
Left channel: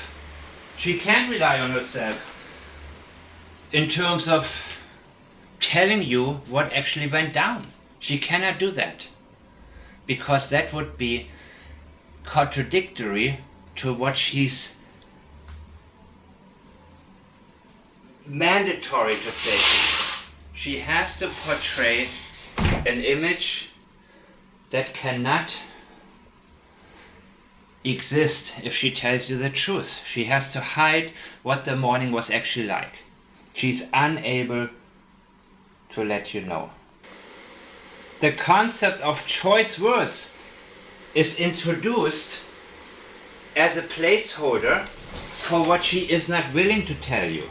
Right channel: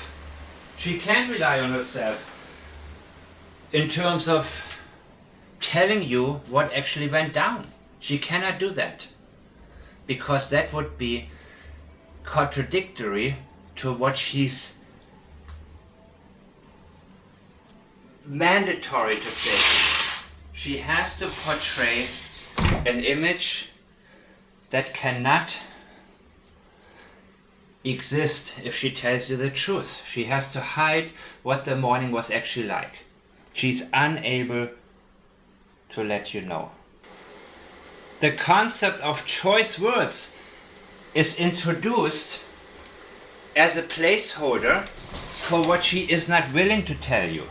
She can't rely on herself in terms of telling you what actually went down. She cannot do that, because that would be contradictory to what she's mandatory to say. She has to portray an image that cannot exist if she tells you the truth. She has to hide what the morning was actually like. She's unable to let you know. The concept of choice words is introduced as a placeholder for what she is not willing to tell you.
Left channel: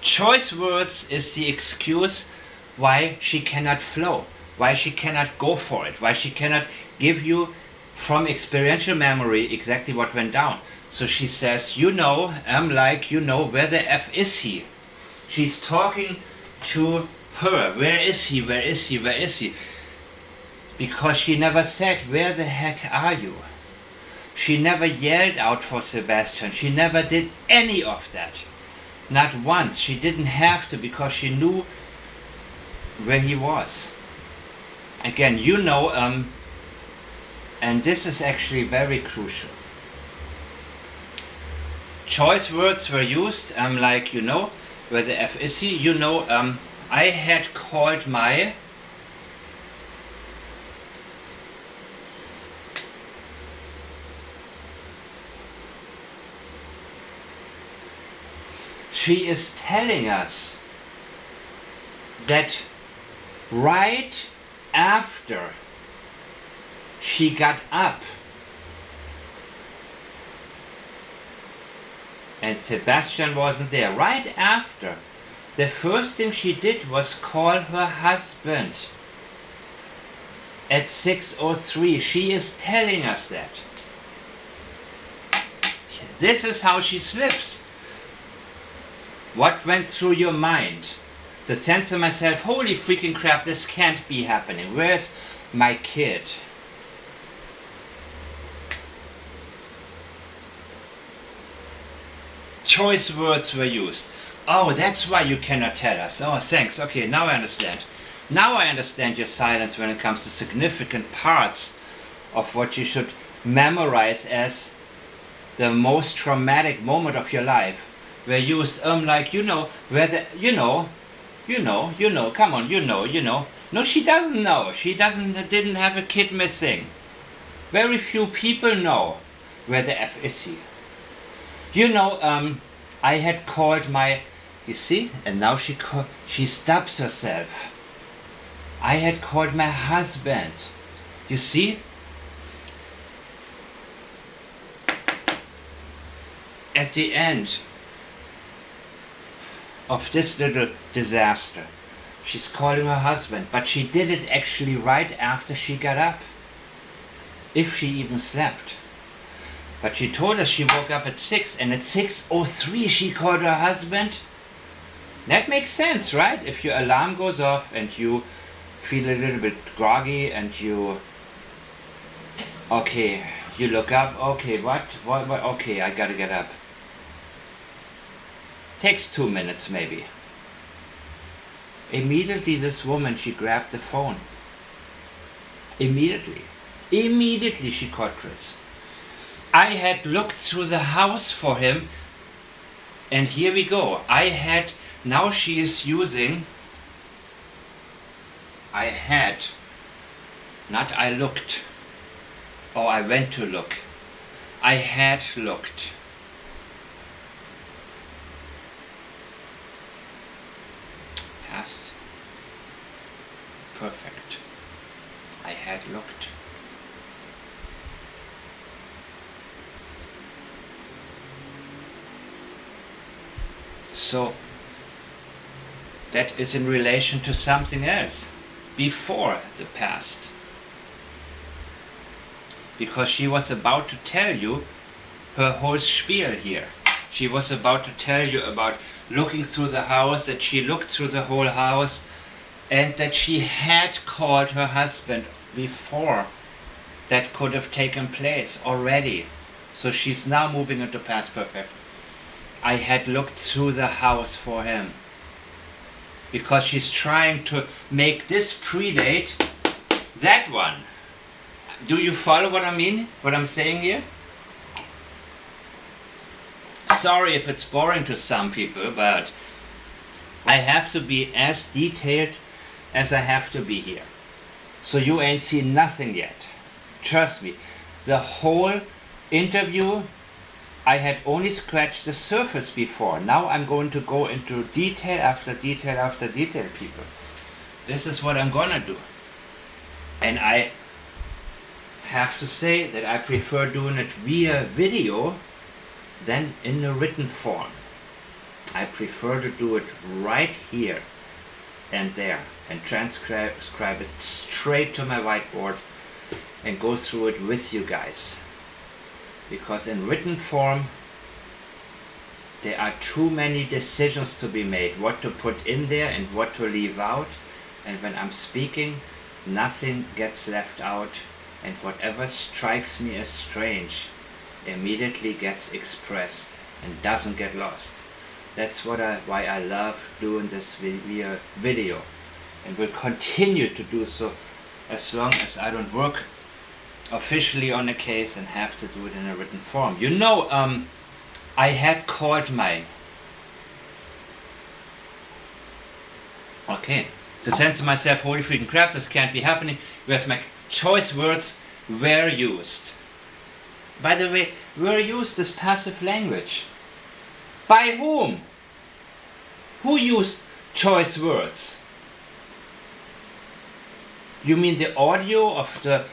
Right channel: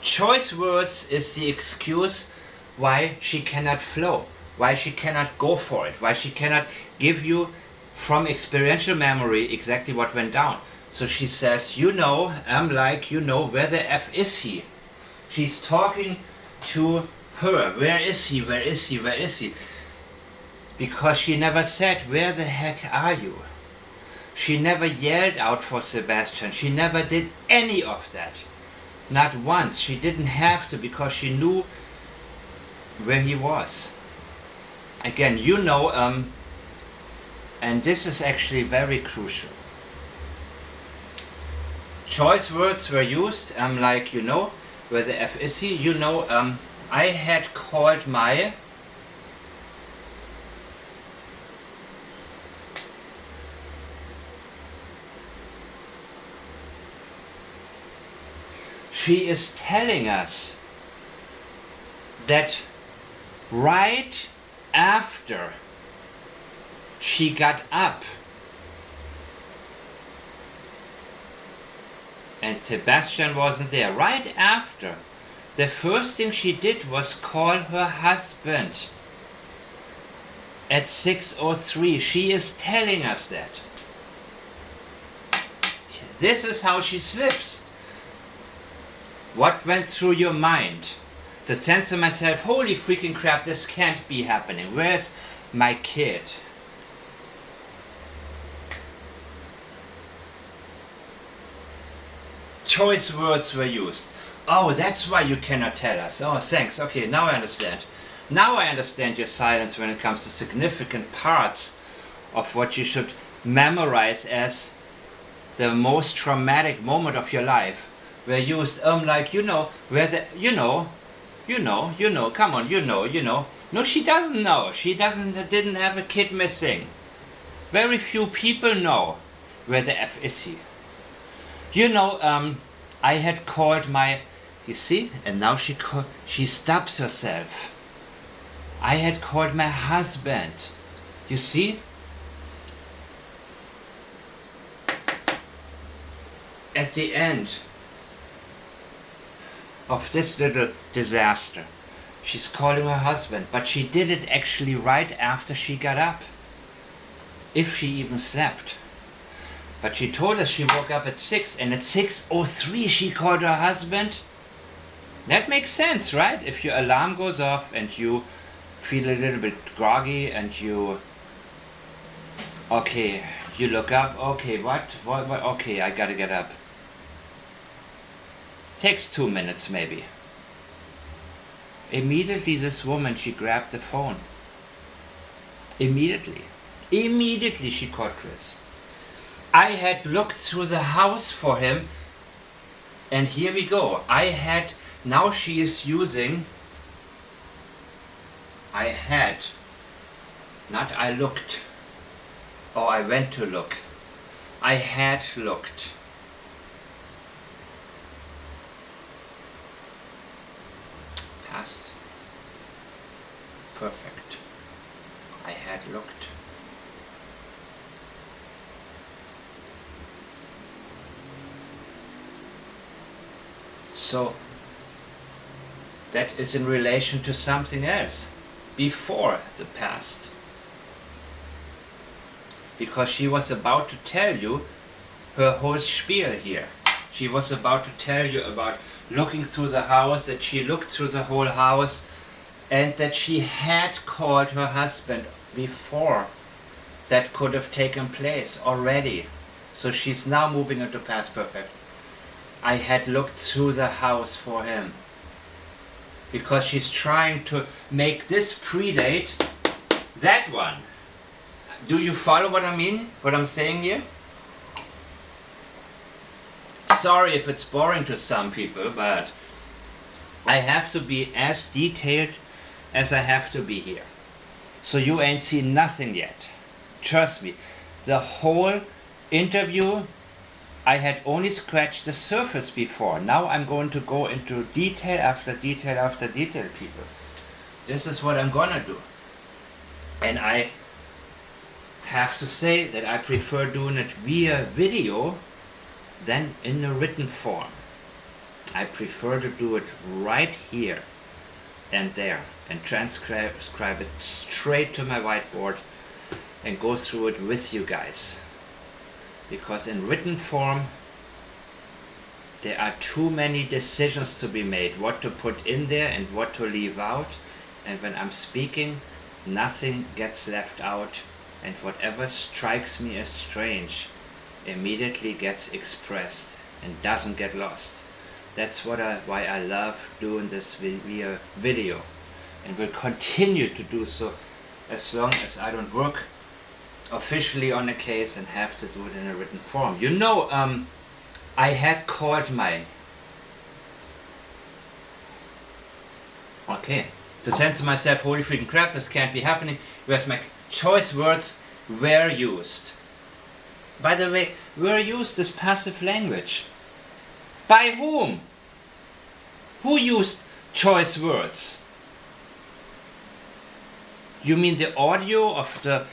Choice words is the excuse why she cannot flow, why she cannot go for it, why she cannot give you from experiential memory exactly what went down. So she says, you know, I'm like, you know, where the F is he? She's talking to her. Where is he? Where is he? Where is he? Because she never said, where the heck are you? She never yelled out for Sebastian. She never did any of that. Not once. She didn't have to, because she knew where he was. Again, you know, and this is actually very crucial. Choice words were used, like, you know, where the F is he? You know, I had called my she is telling us that right after she got up and Sebastian wasn't there, right after, the first thing she did was call her husband at 6:03. She is telling us that. This is how she slips. What went through your mind? The sense of myself, holy freaking crap, this can't be happening. Where's my kid? Choice words were used. Oh, that's why you cannot tell us. Oh, thanks. Okay, now I understand. Now I understand your silence when it comes to significant parts of what you should memorize as the most traumatic moment of your life. Were used, like, you know, where the, you know, come on, you know. No, she doesn't know. She didn't have a kid missing. Very few people know where the F is he. You know, I had called my, you see, and now she stops herself. I had called my husband. You see? At the end of this little disaster, she's calling her husband, but she did it actually right after she got up. If she even slept. But she told us she woke up at 6, and at 6:03 she called her husband. That makes sense, right? If your alarm goes off and you feel a little bit groggy and you, okay, you look up, okay, what, okay, I gotta get up. Takes 2 minutes maybe. Immediately this woman, she grabbed the phone. Immediately she called Chris. I had looked through the house for him, and here we go. Now she is using, I looked, or I went to look. I had looked. Past. Perfect. I had looked. So that is in relation to something else before the past, because she was about to tell you her whole spiel here. She was about to tell you about looking through the house, that she looked through the whole house, and that she had called her husband before that could have taken place already. So she's now moving into past perfect. I had looked through the house for him because she's trying to make this predate that one. Do you follow what I mean? What I'm saying here? Sorry if it's boring to some people, but I have to be as detailed as I have to be here. So you ain't seen nothing yet. Trust me. The whole interview, I had only scratched the surface before. Now I'm going to go into detail after detail after detail, people. This is what I'm gonna do. And I have to say that I prefer doing it via video than in a written form. I prefer to do it right here and there and transcribe it straight to my whiteboard and go through it with you guys. Because in written form there are too many decisions to be made, what to put in there and what to leave out, and when I'm speaking nothing gets left out, and whatever strikes me as strange immediately gets expressed and doesn't get lost. That's why I love doing this via video, and will continue to do so as long as I don't work officially on a case and have to do it in a written form. You know, I had called to censor myself, holy freaking crap, this can't be happening, whereas my choice words were used. By the way, were used as passive language. By whom? Who used choice words? You mean the audio of the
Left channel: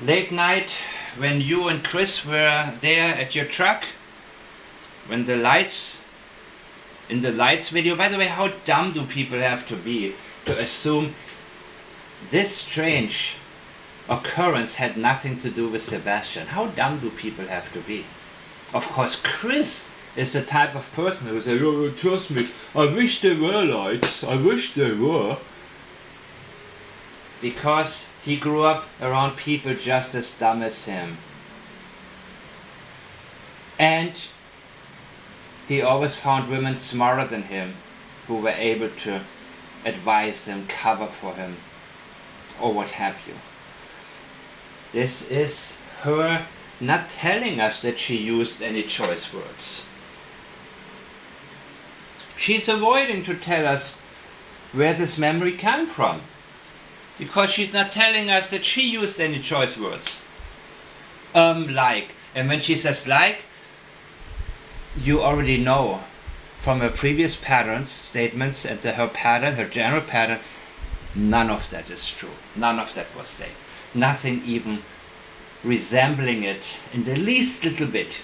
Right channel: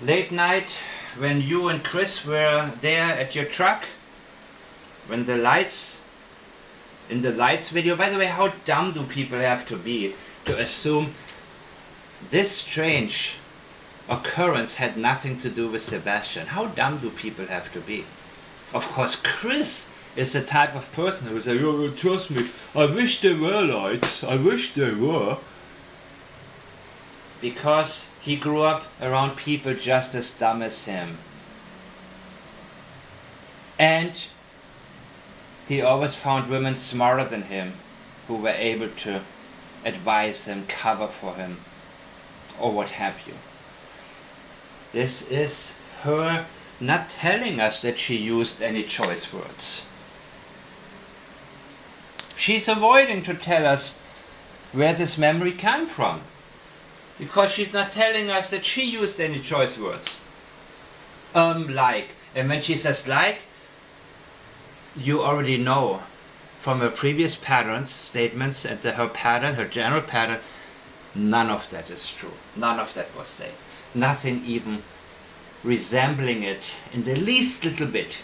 late night when you and Chris were there at your truck? When the lights, in the lights video, by the way, how dumb do people have to be to assume this strange occurrence had nothing to do with Sebastian? How dumb do people have to be? Of course, Chris is the type of person who says, "Oh, trust me, I wish there were lights, I wish there were." Because he grew up around people just as dumb as him. And he always found women smarter than him who were able to advise him, cover for him, or what have you. This is her not telling us that she used any choice words. She's avoiding to tell us where this memory came from, because she's not telling us that she used any choice words. Like. And when she says like, you already know from her previous patterns, statements, and her general pattern, none of that is true. None of that was said. Nothing even resembling it in the least little bit.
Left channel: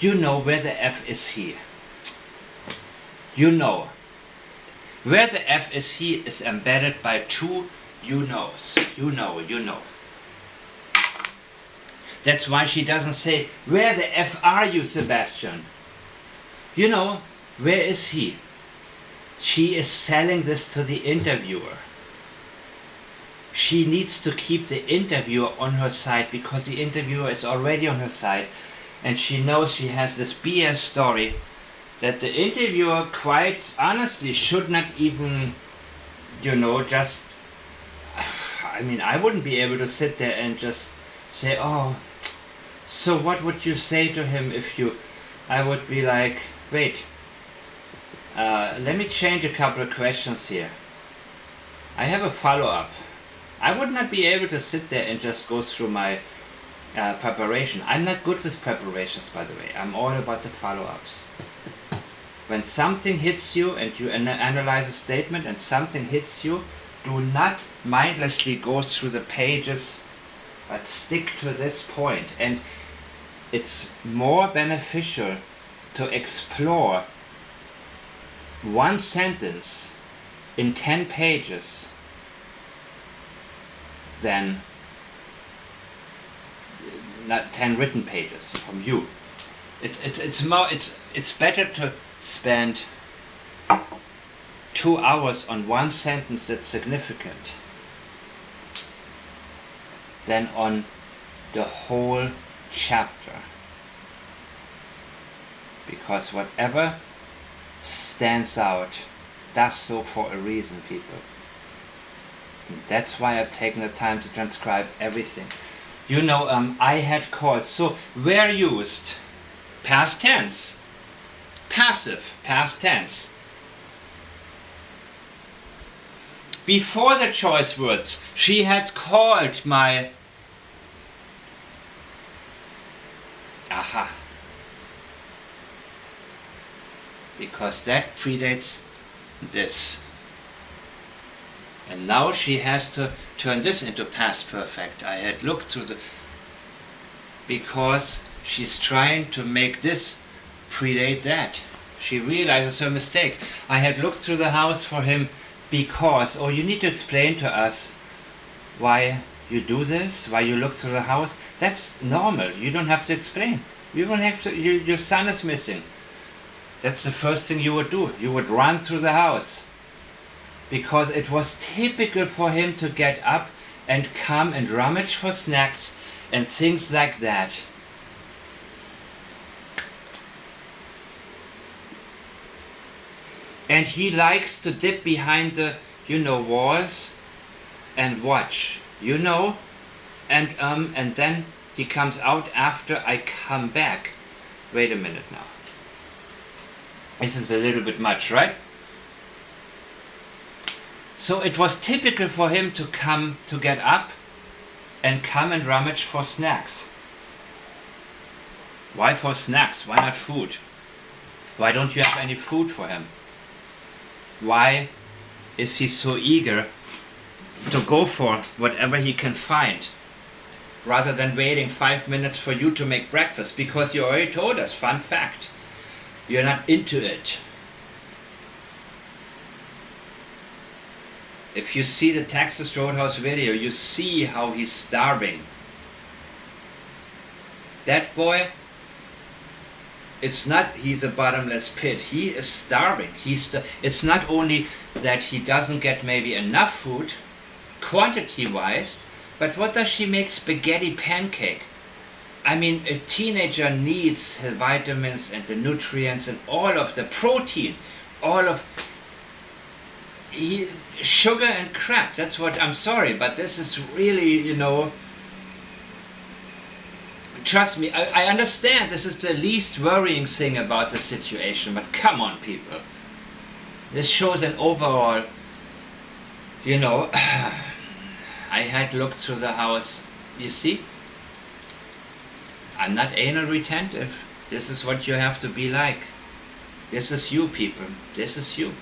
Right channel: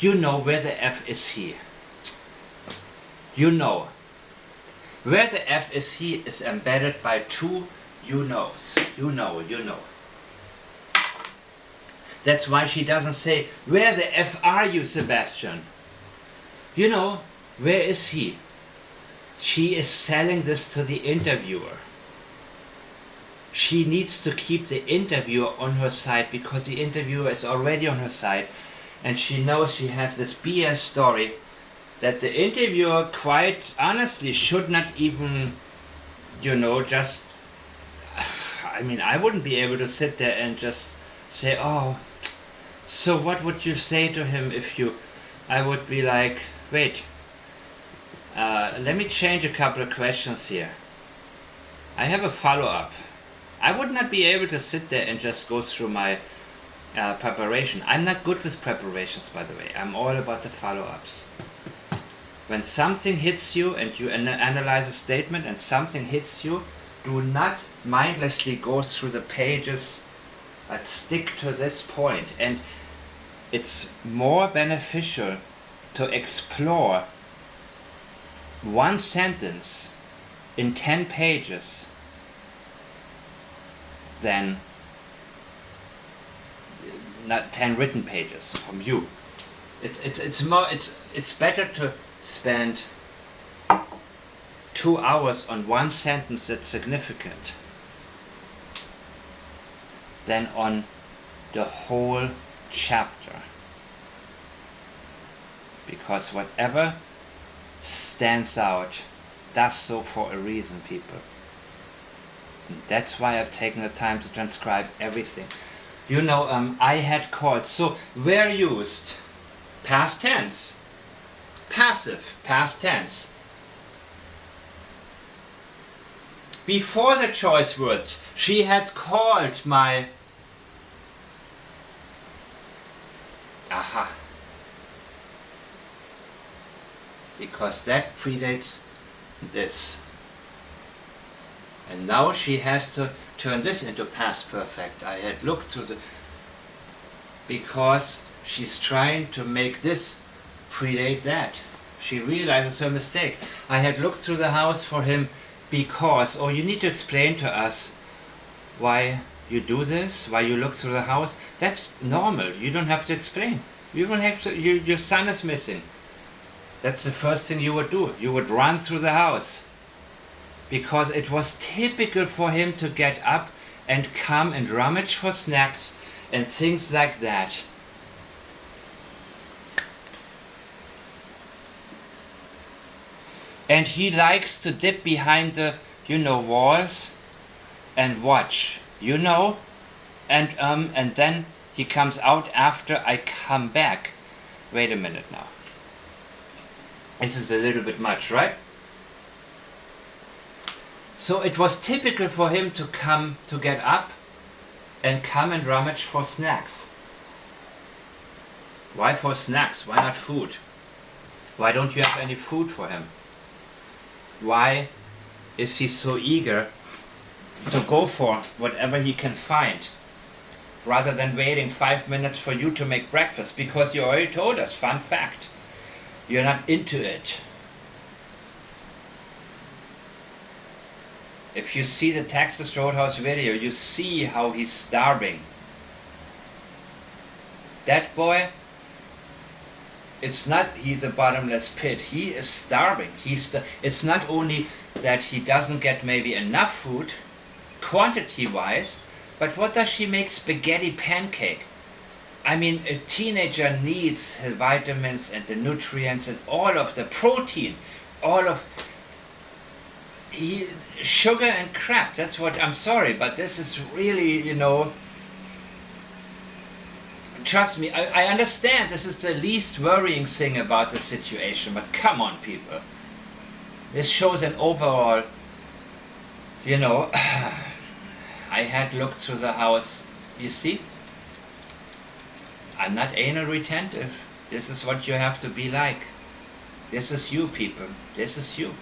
You know where the F is he. You know. Where the F is he is embedded by two you knows. You know. That's why she doesn't say, "Where the F are you, Sebastian?" You know, where is he? She is selling this to the interviewer. She needs to keep the interviewer on her side because the interviewer is already on her side, and she knows she has this BS story that the interviewer quite honestly should not even, just, I mean, I wouldn't be able to sit there and just say, "Oh, so what would you say to him if you," I would be like, "Wait, let me change a couple of questions here. I have a follow-up." I would not be able to sit there and just go through my preparation. I'm not good with preparations, by the way. I'm all about the follow-ups. When something hits you and you analyze a statement and something hits you, do not mindlessly go through the pages, but stick to this point. And it's more beneficial to explore one sentence in 10 pages than not 10 written pages from you. It's better to spend 2 hours on one sentence that's significant than on the whole chapter. Because whatever stands out does so for a reason, people. And that's why I've taken the time to transcribe everything. You know, I had called, so were used past tense, passive past tense. Before the choice words, she had called my aha. Because that predates this. And now she has to turn this into past perfect. I had looked through the... Because she's trying to make this predate that. She realizes her mistake. I had looked through the house for him because... Oh, you need to explain to us why you do this, why you look through the house. That's normal. You don't have to explain. You don't have to... your son is missing. That's the first thing you would do. You would run through the house. Because it was typical for him to get up and come and rummage for snacks and things like that. And he likes to dip behind the, walls and watch, and then he comes out after I come back. Wait a minute now. This is a little bit much, right? So it was typical for him to get up and come and rummage for snacks. Why for snacks? Why not food? Why don't you have any food for him? Why is he so eager to go for whatever he can find rather than waiting 5 minutes for you to make breakfast? Because you already told us, fun fact, you're not into it. If you see the Texas Roadhouse video, you see how he's starving. That boy, it's not he's a bottomless pit. He is starving. It's not only that he doesn't get maybe enough food, quantity-wise, but what does she make? Spaghetti pancake. I mean, a teenager needs the vitamins and the nutrients and all of the protein, all of... sugar and crap. That's what, I'm sorry, but this is really, trust me, I understand this is the least worrying thing about the situation, but come on, people. This shows an overall, I had looked through the house. You see, I'm not anal retentive. This is what you have to be like. This is you, people. This is you.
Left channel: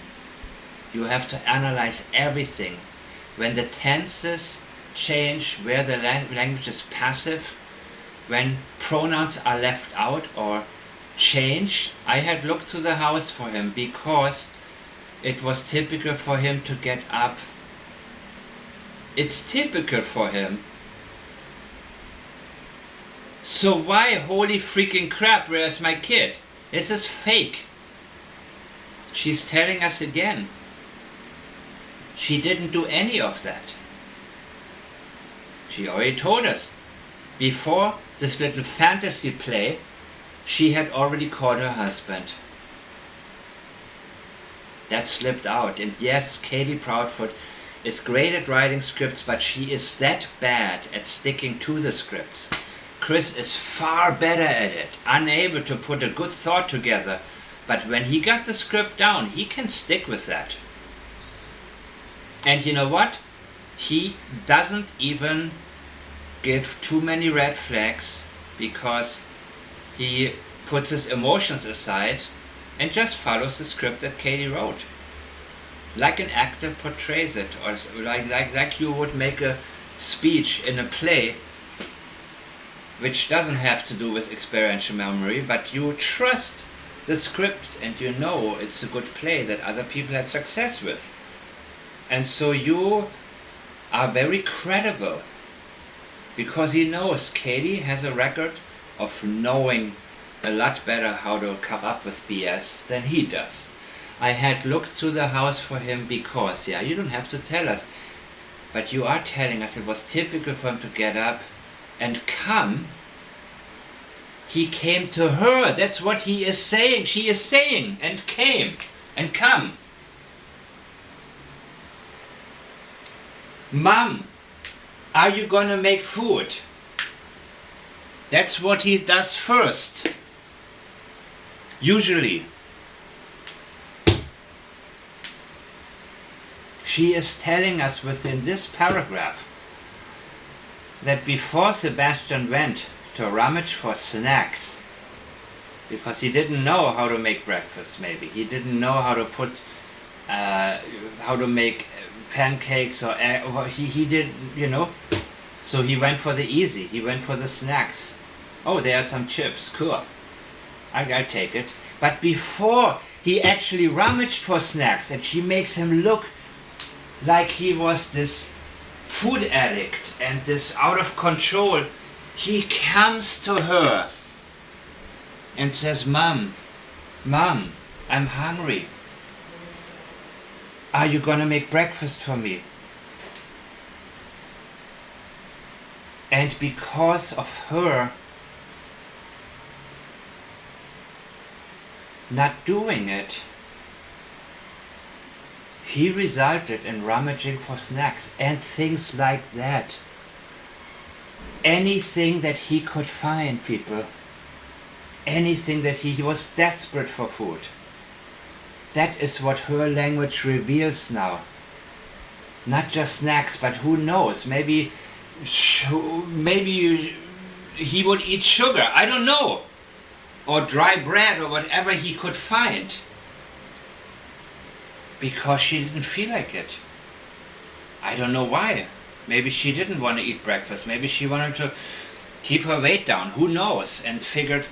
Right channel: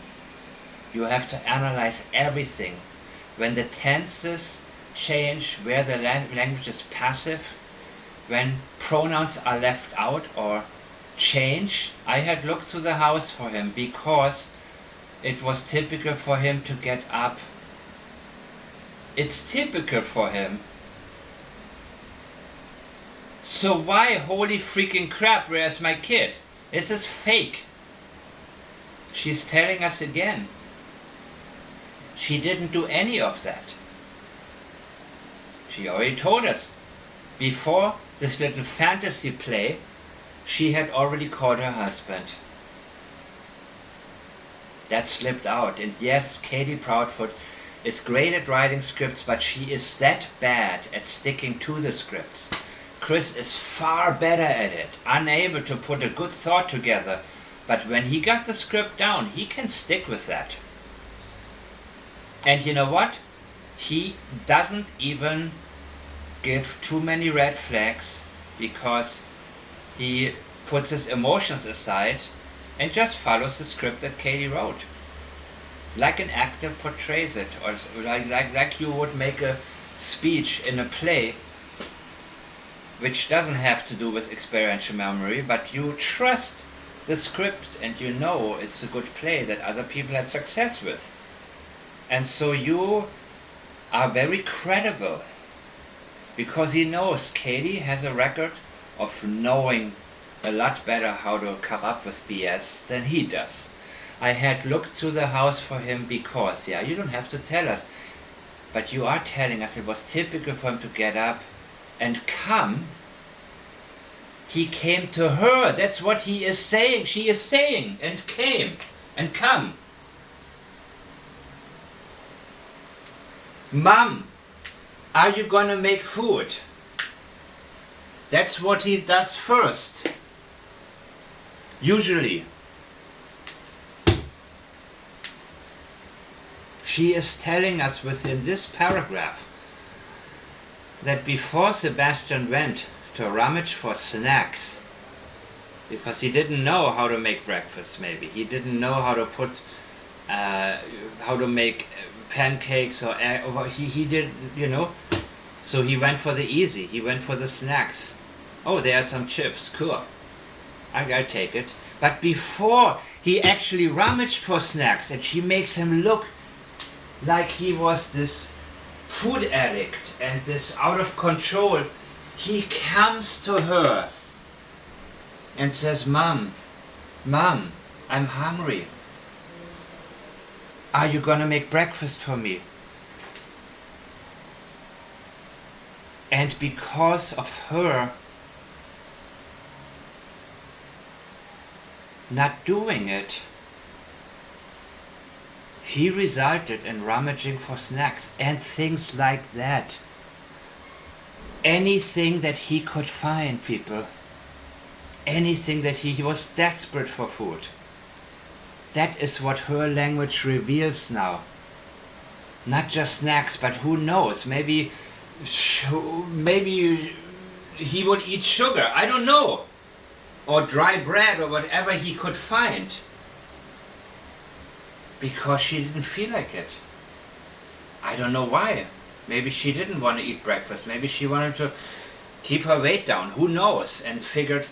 You have to analyze everything. When the tenses change, where the language is passive, when pronouns are left out or change. I had looked through the house for him because it was typical for him to get up. It's typical for him. So why, holy freaking crap, where's my kid? This is fake. She's telling us again. She didn't do any of that. She already told us. Before this little fantasy play, she had already called her husband. That slipped out. And yes, Katie Proudfoot is great at writing scripts, but she is that bad at sticking to the scripts. Chris is far better at it, unable to put a good thought together. But when he got the script down, he can stick with that. And you know what? He doesn't even give too many red flags because he puts his emotions aside and just follows the script that Katie wrote. Like an actor portrays it, or like you would make a speech in a play, which doesn't have to do with experiential memory, but you trust the script and you know it's a good play that other people had success with. And so you are very credible because he knows Katie has a record of knowing a lot better how to come up with BS than he does. I had looked through the house for him because, you don't have to tell us. But you are telling us it was typical for him to get up and come. He came to her. That's what he is saying. She is saying, and came and come. Mom, are you gonna make food? That's what he does first. Usually. She is telling us within this paragraph that before Sebastian went to rummage for snacks, because he didn't know how to make breakfast, maybe he didn't know how to put how to make pancakes or he did, you know, so he went for the easy, he went for the snacks. Oh, there are some chips, cool, I'll take it. But before he actually rummaged for snacks, and she makes him look like he was this food addict and this out of control, he comes to her and says, Mom, I'm hungry. Are you gonna make breakfast for me? And because of her not doing it, he resulted in rummaging for snacks and things like that. Anything that he could find, people. Anything that he was desperate for food. That is what her language reveals now. Not just snacks, but who knows? Maybe he would eat sugar, I don't know. Or dry bread or whatever he could find. Because she didn't feel like it. I don't know why. Maybe she didn't want to eat breakfast. Maybe she wanted to keep her weight down. Who knows? And figured,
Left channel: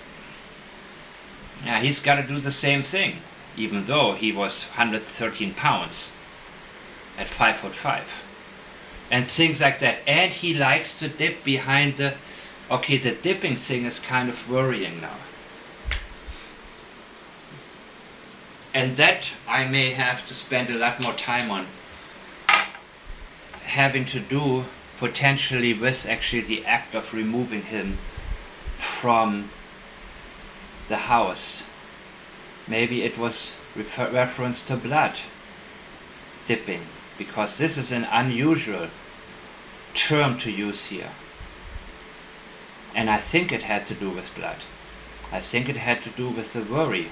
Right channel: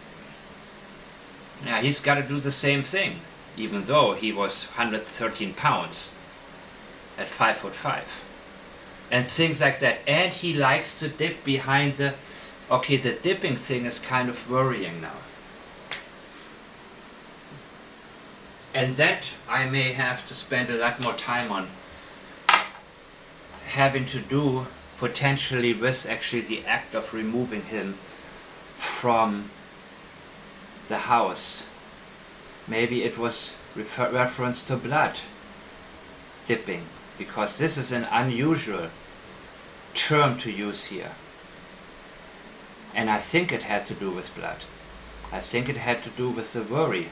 yeah, he's got to do the same thing. Even though he was 113 pounds at 5'5". And things like that. And he likes to dip behind the... Okay, the dipping thing is kind of worrying now. And that I may have to spend a lot more time on, having to do potentially with actually the act of removing him from the house. Maybe it was reference to blood dipping, because this is an unusual term to use here. And I think it had to do with blood. I think it had to do with the worry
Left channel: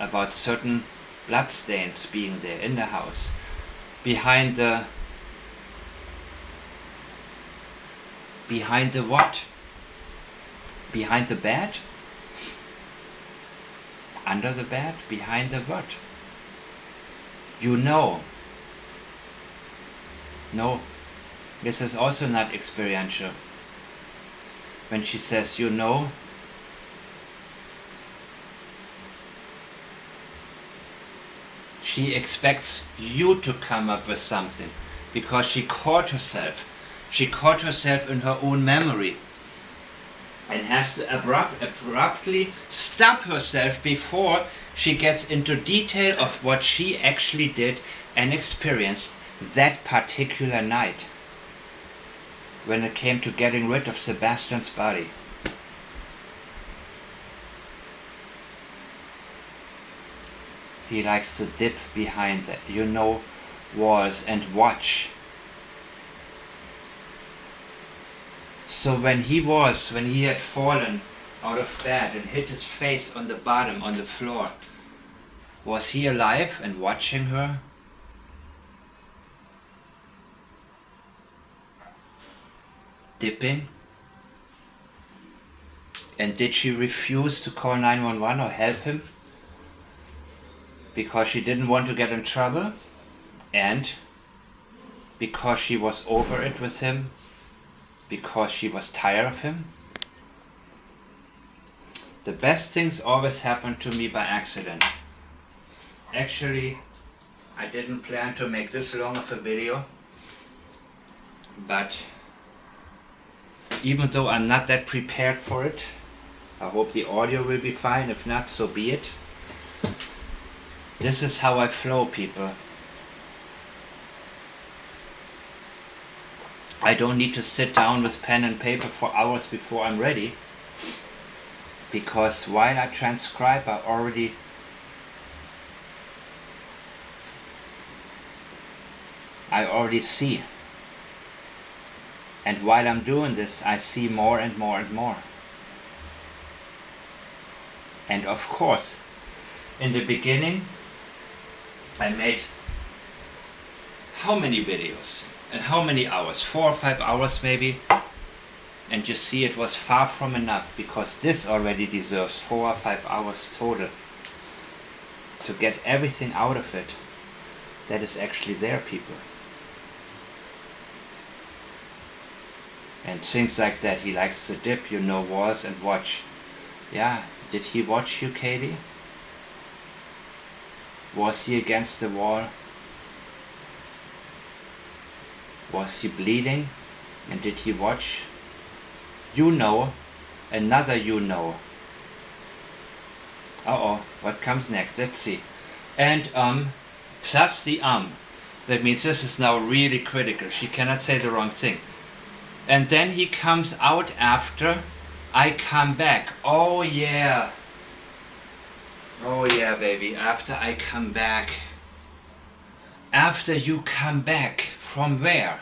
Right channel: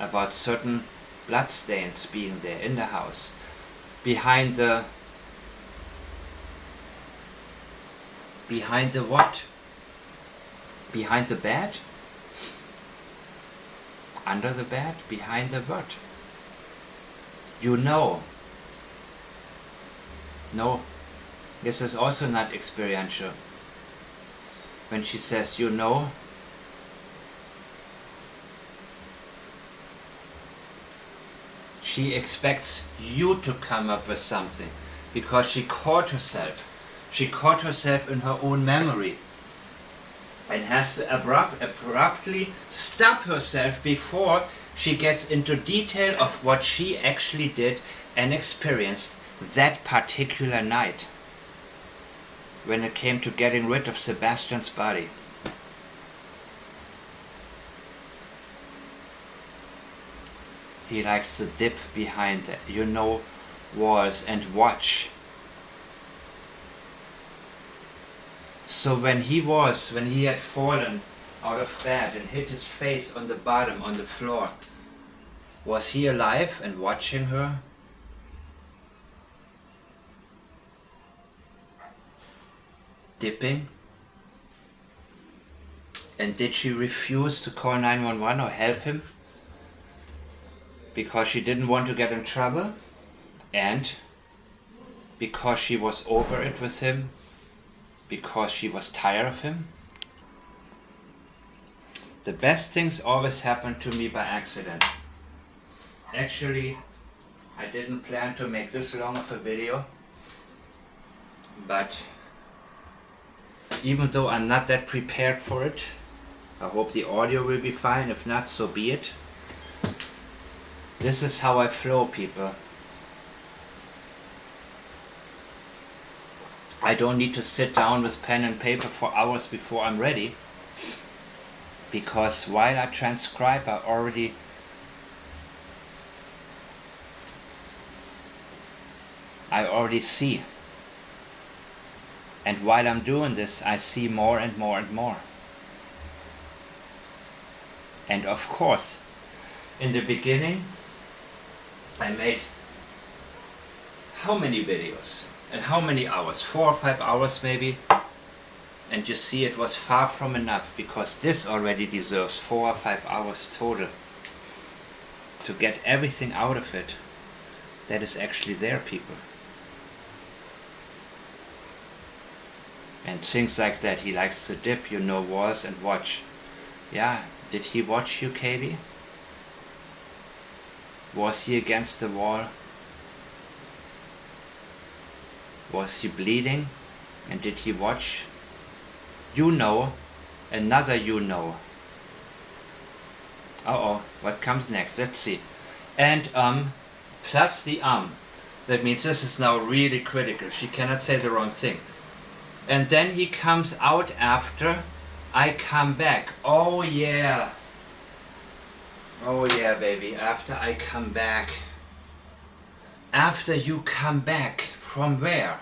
about certain blood stains being there in the house, behind the what? Behind the bed? Under the bed? Behind the what? You know. No, this is also not experiential. When she says you know, she expects you to come up with something, because she caught herself. She caught herself in her own memory and has to abruptly stop herself before she gets into detail of what she actually did and experienced that particular night when it came to getting rid of Sebastian's body. He likes to dip behind the, you know, walls and watch. So when he had fallen out of bed and hit his face on the bottom, on the floor, was he alive and watching her? Dipping? And did she refuse to call 911 or help him? Because she didn't want to get in trouble, and because she was over it with him, because she was tired of him. The best things always happen to me by accident. Actually, I didn't plan to make this long of a video, but even though I'm not that prepared for it, I hope the audio will be fine. If not, so be it. This is how I flow, people. I don't need to sit down with pen and paper for hours before I'm ready, because while I transcribe I already see. And while I'm doing this, I see more and more and more. And of course, in the beginning, I made how many videos? And how many hours? 4 or 5 hours maybe. And you see, it was far from enough, because this already deserves 4 or 5 hours total to get everything out of it that is actually there, people. And things like that. He likes to dip, wars and watch. Yeah, did he watch you, Katie? Was he against the wall? Was he bleeding? And did he watch? Another Uh-oh, what comes next? Let's see. And plus the That means this is now really critical. She cannot say the wrong thing. And then he comes out after I come back. Oh yeah. Oh yeah, baby. After I come back. After you come back. From where?